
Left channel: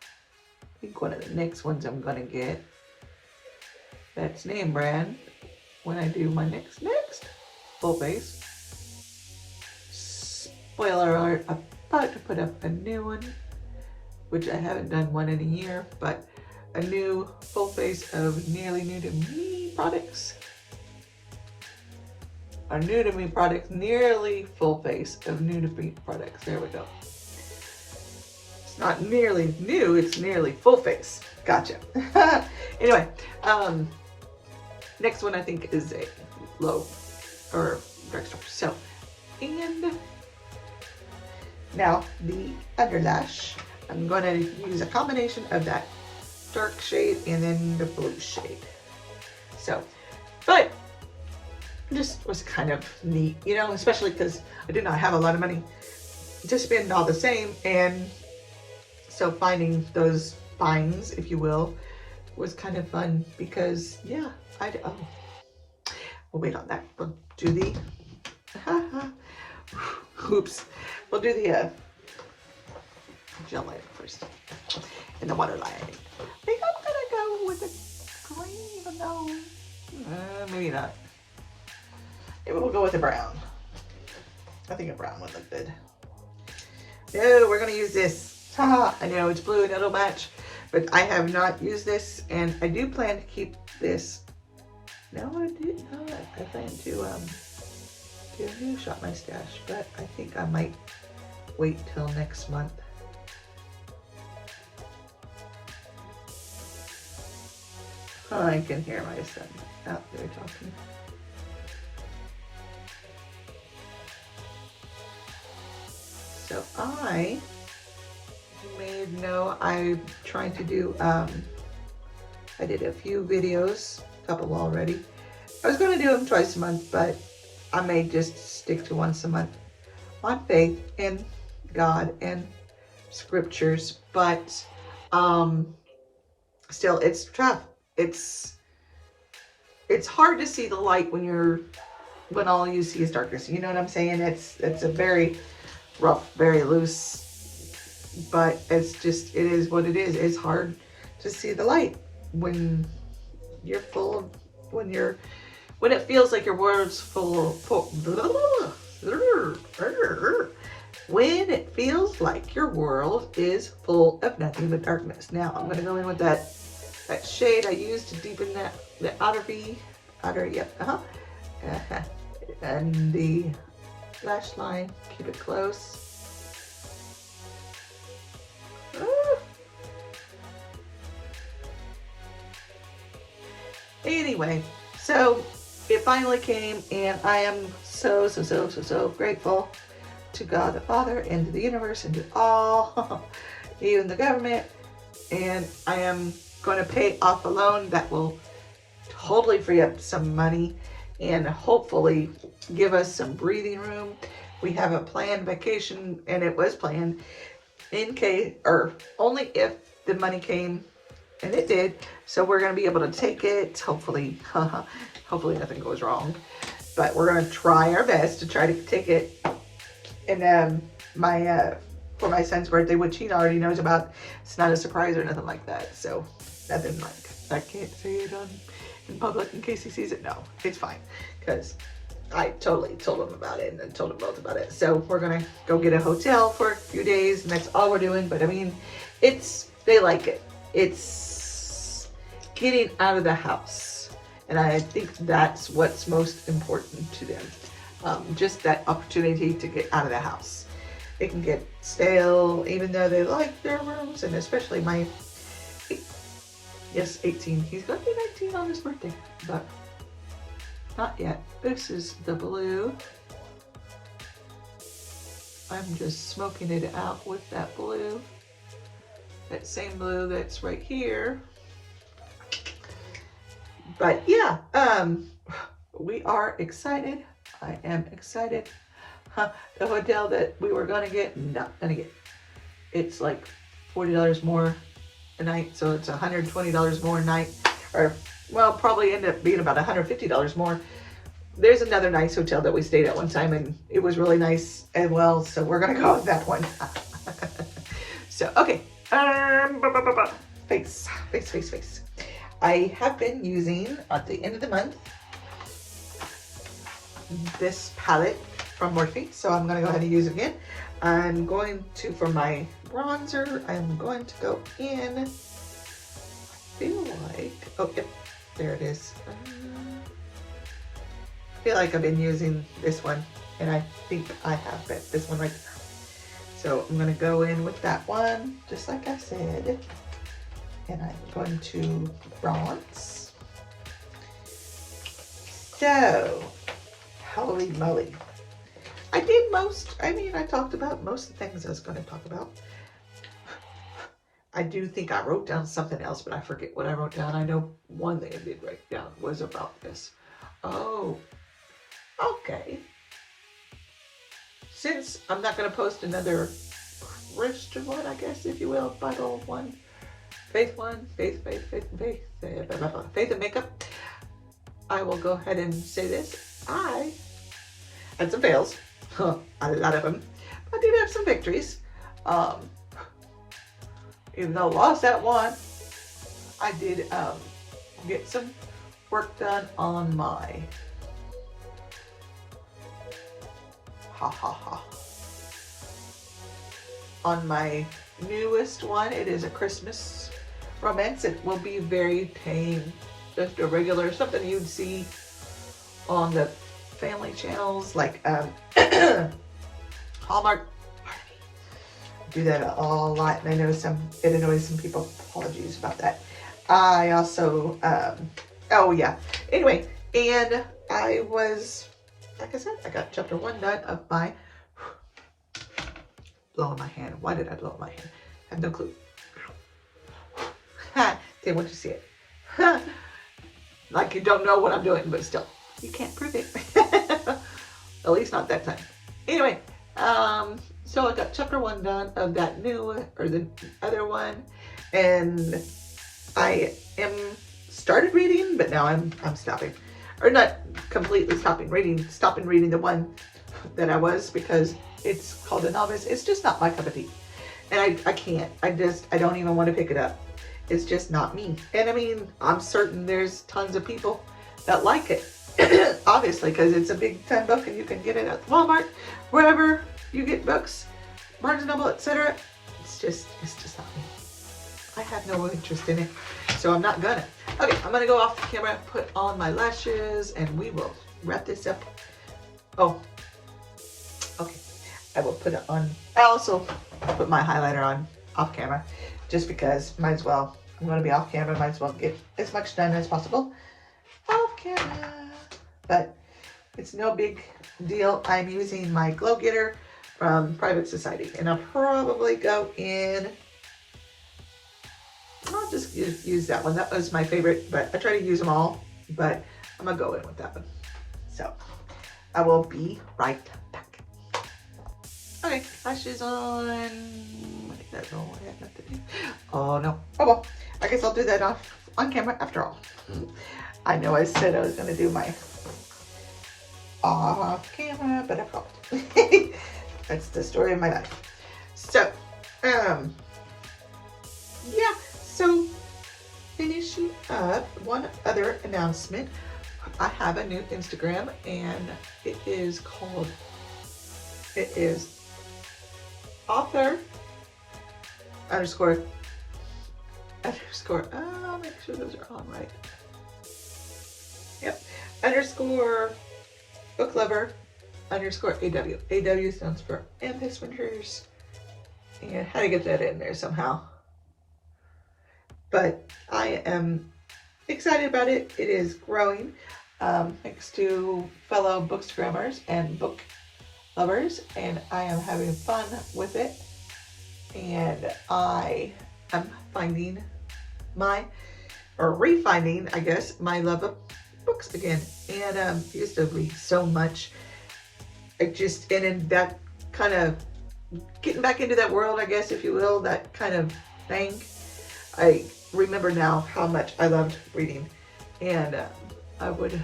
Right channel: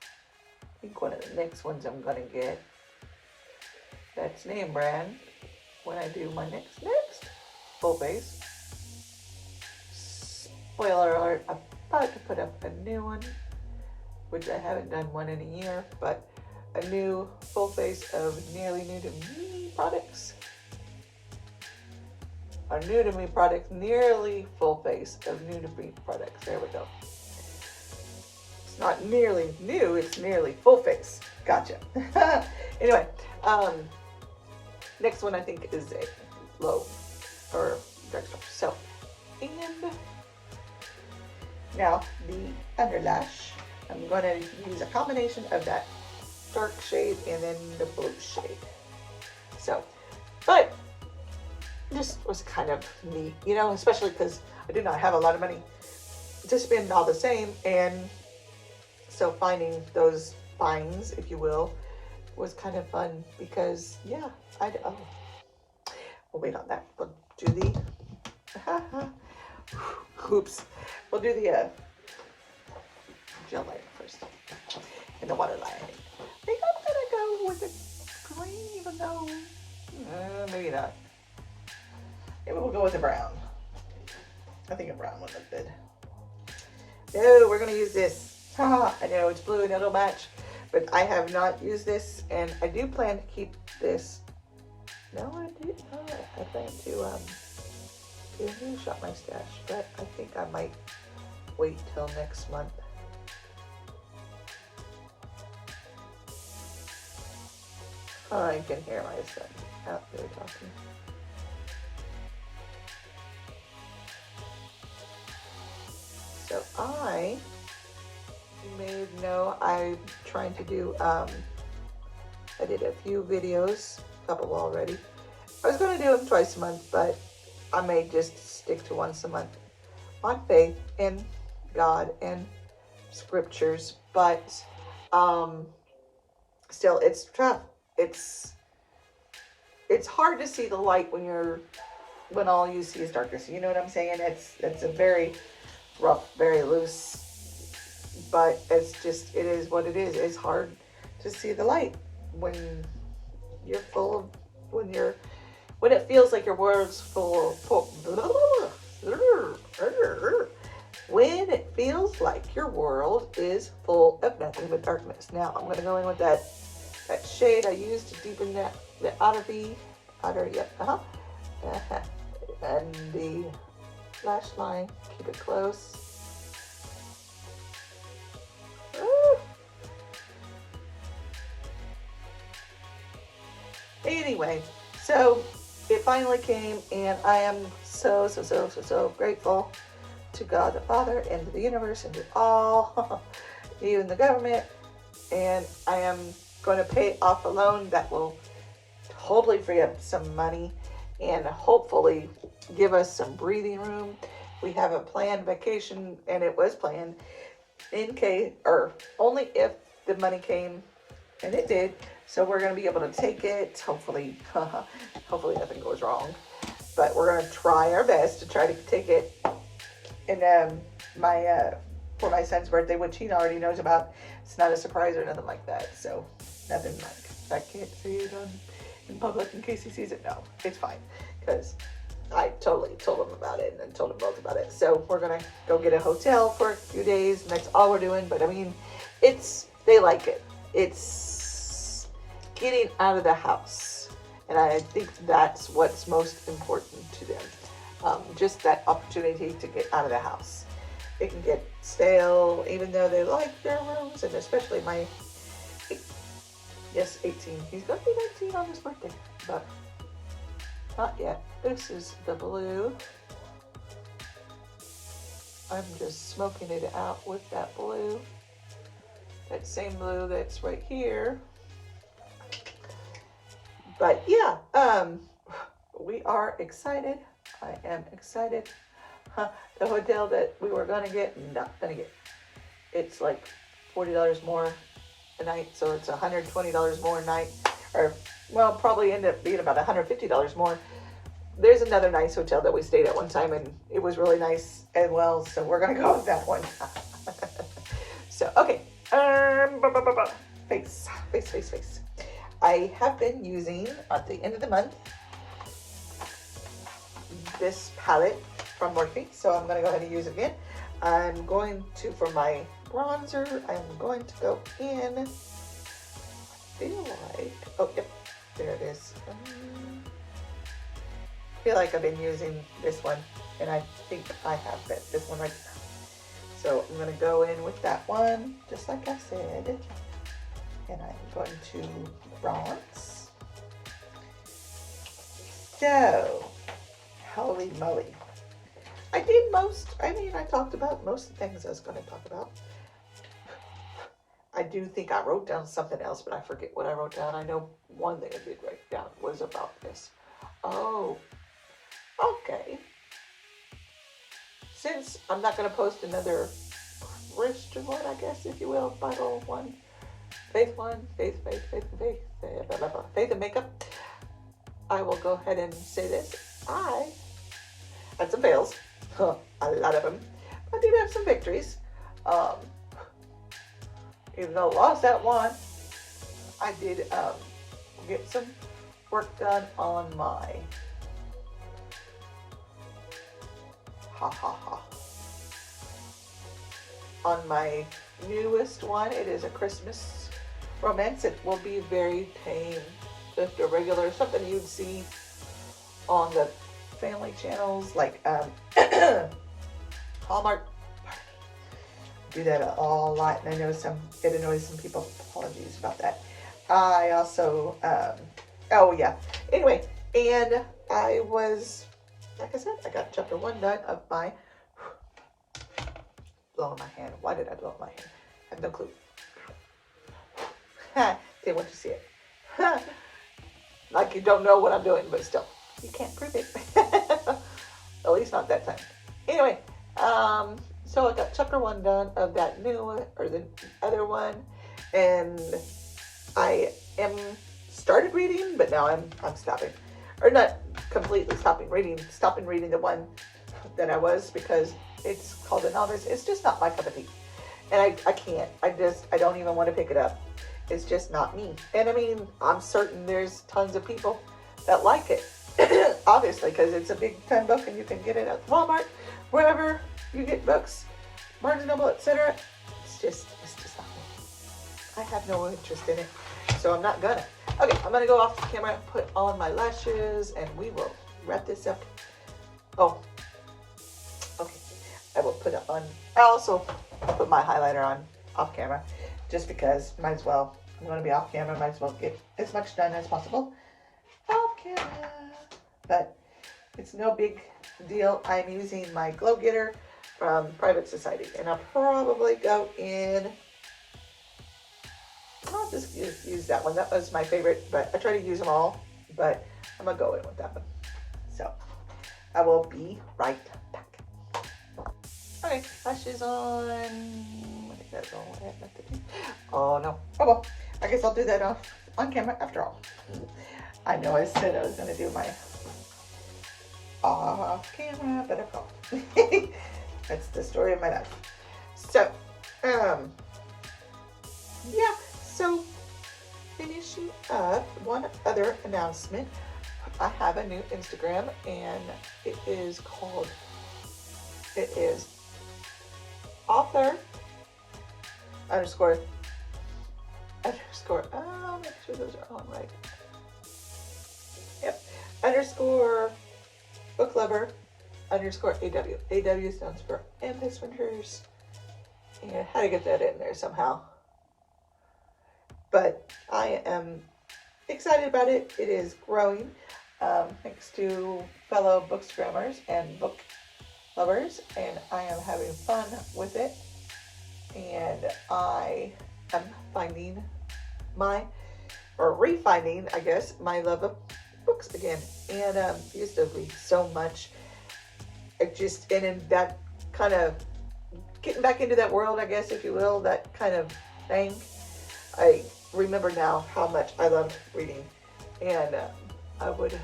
I think one of the next ones I'm gonna get, that's name brand, when I do my next full face. Spoiler alert, I'm about to put up a new one, which I haven't done one in a year, but a new full face of nearly new to me products. Or new to me products, nearly full face of new to me products. There we go. It's not nearly new, it's nearly full face. Gotcha. Anyway, next one I think is a low or drugstore. So, and now the underlash, I'm going to use a combination of that dark shade and then the blue shade. So But it just was kind of neat, you know, especially because I did not have a lot of money to spend all the same. And so finding those finds, if you will, was kind of fun because, yeah, oh, we'll wait on that. We'll do the, oops, we'll do the gel lighter first and the water lighting. I think I'm gonna go with the green, even though, maybe not. Maybe we'll go with the brown. I think a brown would look good. No, we're gonna use this. Haha, I know it's blue and it'll match, but I have not used this, and I do plan to keep this. No, I did not. I plan to do a shot my stash, but I think I might wait till next month. Oh, I can hear my son out there talking. So I made I'm trying to do, I did a few videos, a couple already. I was going to do them twice a month, but I may just stick to once a month on faith and God and scriptures. But still, it's tough. It's hard to see the light when all you see is darkness. You know what I'm saying? It's a very rough, very loose, but it is what it is. It's hard to see the light when you're full of, when it feels like your world's when it feels like your world is full of nothing but darkness. Now I'm going to go in with that shade I used to deepen the and the lash line. Keep it close. Anyway, so it finally came, and I am so grateful to God the Father and to the universe and to all, even the government. And I am going to pay off a loan that will totally free up some money and hopefully give us some breathing room. We have a planned vacation, and it was planned in case, or only if the money came, and it did. So we're going to be able to take it, hopefully. Hopefully nothing goes wrong, but we're going to try our best to try to take it. And for my son's birthday, which he already knows about. It's not a surprise or nothing like that. So nothing like, I can't say it in public in case he sees it. No, it's fine, because I totally told him about it, and I told them both about it. So we're gonna go get a hotel for a few days, and that's all we're doing. But I mean, they like it. It's getting out of the house, and I think that's what's most important to them. Just that opportunity to get out of the house. They can get stale, even though they like their rooms, and especially my, yes, 18. He's gonna be 19 on his birthday, but not yet. This is the blue. I'm just smoking it out with that blue. That same blue that's right here. But yeah, we are excited. I am excited. The hotel that we were gonna get, not gonna get. It's like $40 more a night, so it's $120 more a night, or well, probably end up being about $150 more. There's another nice hotel that we stayed at one time, and it was really nice as well, so we're gonna go with that one. So okay, face. I have been using at the end of the month this palette from Morphe, so I'm gonna go ahead and use it again. I'm going to, for my bronzer, I'm going to go in, I feel like, oh yep, there it is. I feel like I've been using this one, and I think I have this one right now. So I'm gonna go in with that one, just like I said, and I'm going to bronze. So, holy moly. I talked about most of the things I was going to talk about. I do think I wrote down something else, but I forget what I wrote down. I know one thing I did write down was about this. Oh, okay. Since I'm not going to post another Christian one, I guess, if you will, Bible one, faith one, faith, faith and makeup, I will go ahead and say this. I had some fails, a lot of them. I did have some victories. Even though I lost that one, I did get some work done on my on my newest one. It is a Christmas romance. It will be very tame, just a regular, something you'd see on the family channels like Hallmark. Do that a lot, and I know it annoys some people. Apologies about that. I also oh yeah, anyway, and I was, like I said, I got chapter 1 done of my blowing my hand. Why did I blow my hand? I have no clue. Didn't want you to see it. Like you don't know what I'm doing, but still, you can't prove it. At least not that time. Anyway, so I got chapter 1 done of that new, or the other one, and I am started reading, but now I'm stopping, or not completely stopping reading the one that I was, because it's called a novice. It's just not my cup of tea, and I can't. I don't even want to pick it up. It's just not me. And I mean, I'm certain there's tons of people that like it, obviously, because it's a big time book, and you can get it at Walmart, wherever you get books, Barnes & Noble, etc. It's just not me. I have no interest in it, so I'm not gonna. Okay, I'm gonna go off the camera, put on my lashes, and we will wrap this up. Oh, okay. I will put it on. I also put my highlighter on off camera, just because might as well. I'm gonna be off camera, might as well get as much done as possible off camera. But it's no big deal. I'm using my Glow Getter from Private Society, and I'll probably go in. I'll just use that one. That was my favorite, but I try to use them all, but I'm gonna go in with that one. So I will be right back. Okay, lashes on. I think that's all I have left to do. Oh no. Oh well, I guess I'll do that on camera after all. I know I said I was gonna do my off camera, but I won't. That's the story of my life. So, yeah, so finishing up, one other announcement. I have a new Instagram, and it is author underscore, I'll make sure those are all right. Yep, underscore book lover underscore AW. AW stands for Amethyst Winters, and how to get that in there somehow. But I am excited about it. It is growing, thanks to fellow bookstagrammers and book lovers, and I am having fun with it. And I am finding refinding, I guess, my love of books again. And I used to read so much. And in that kind of getting back into that world, I guess, if you will, that kind of thing. I remember now how much I loved reading. And I remember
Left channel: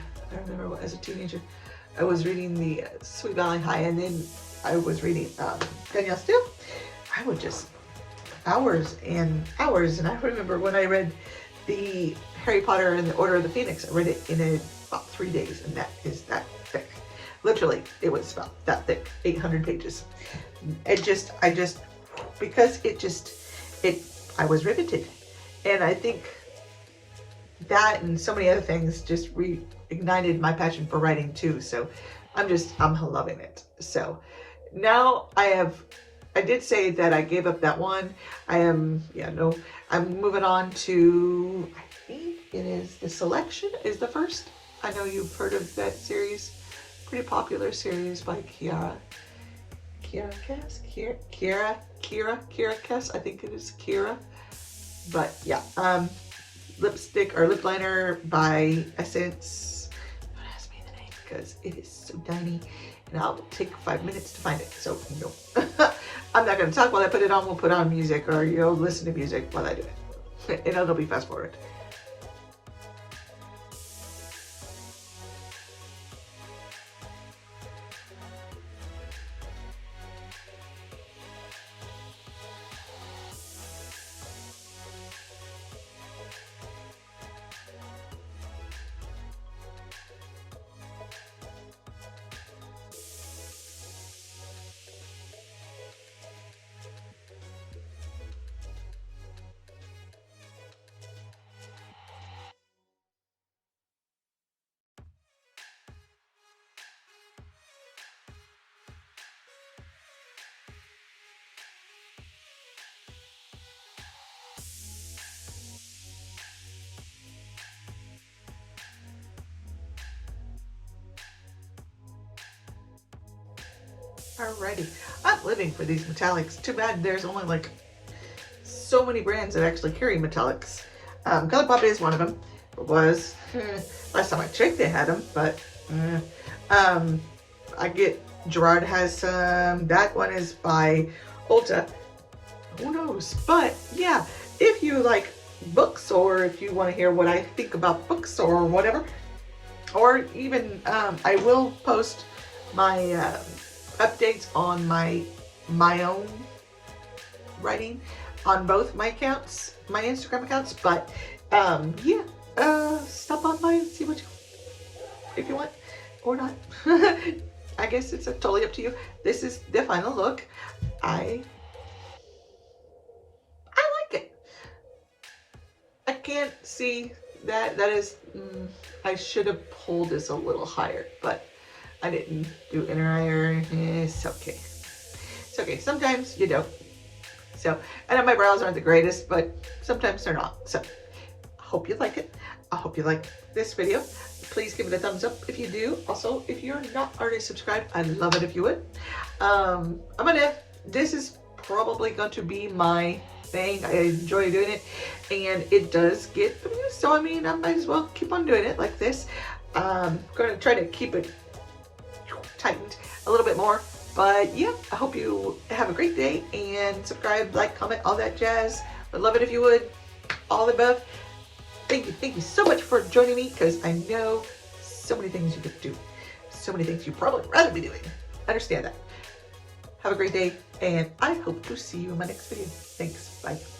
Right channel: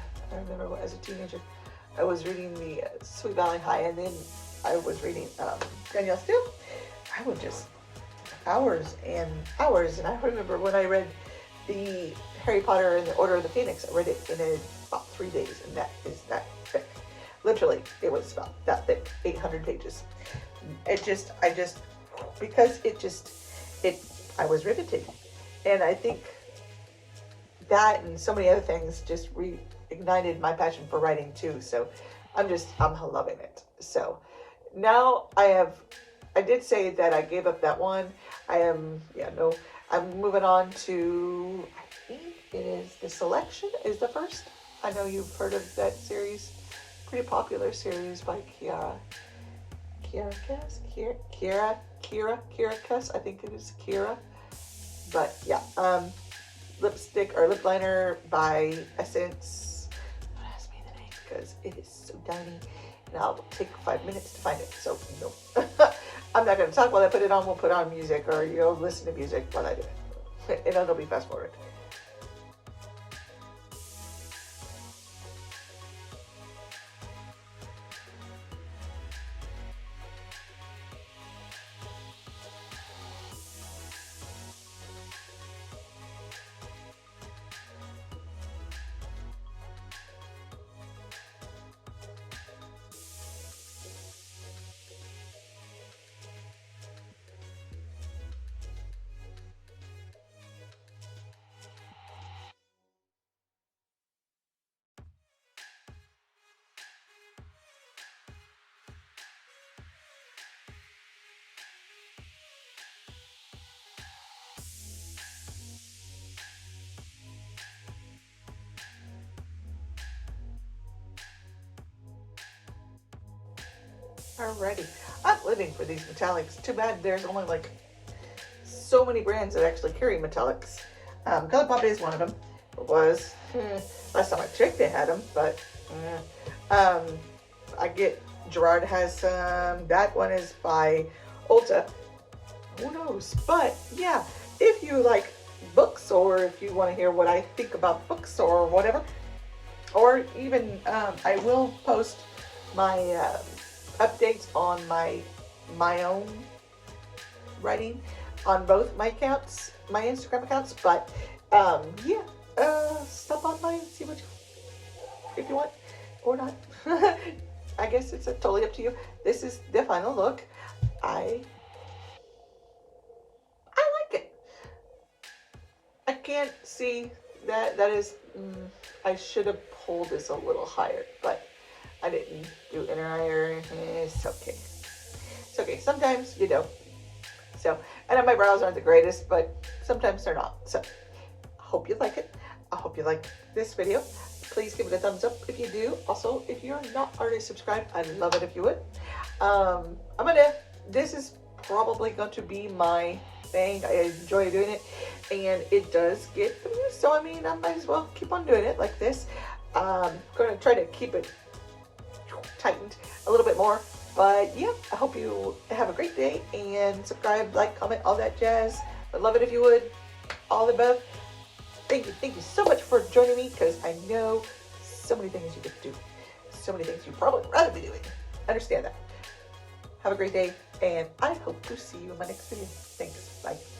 as a teenager, I was reading the Sweet Valley High, and then I was reading Danielle Steele. I would just hours and hours. And I remember when I read the Harry Potter and the Order of the Phoenix, I read it in about 3 days, and that is that thick. Literally, it was about that thick, 800 pages. I was riveted. And I think that and so many other things just reignited my passion for writing too. So I'm loving it. So now I did say that I gave up that one. I'm moving on to, I think it is The Selection is the first. I know you've heard of that series. Pretty popular series by Kiara Cass. I think it is Kiara. But yeah, lipstick or lip liner by Essence. Don't ask me because it is so tiny and I'll take 5 minutes to find it. So, no, I'm not going to talk while I put it on. We'll put on music, or you'll listen to music while I do it. And it'll be fast forward. Alrighty, I'm living for these metallics. Too bad there's only like so many brands that actually carry metallics. Color Pop is one of them. It was last time I checked they had them, but I get Gerard has some. That one is by Ulta. Who knows? But yeah, if you like books, or if you want to hear what I think about books or whatever, or even I will post my updates on my own writing on both my accounts, my Instagram accounts. But yeah, stop on by and see what you, if you want or not. I guess it's totally up to you. This is the final look. I like it. I can't see that. That is, I should have pulled this a little higher, but I didn't do inner eye or anything. It's okay. It's okay. Sometimes you don't. So, I know my brows aren't the greatest, but sometimes they're not. So, I hope you like it. I hope you like this video. Please give it a thumbs up if you do. Also, if you're not already subscribed, I'd love it if you would. This is probably going to be my thing. I enjoy doing it, and it does get views. So, I mean, I might as well keep on doing it like this. I'm going to try to keep it tightened a little bit more. But yeah, I hope you have a great day, and subscribe, like, comment, all that jazz. I'd love it if you would. All the above. Thank you so much for joining me, because I know so many things you could do. So many things you'd probably rather be doing. Understand that. Have a great day, and I hope to see you in my next video. Thanks. Bye.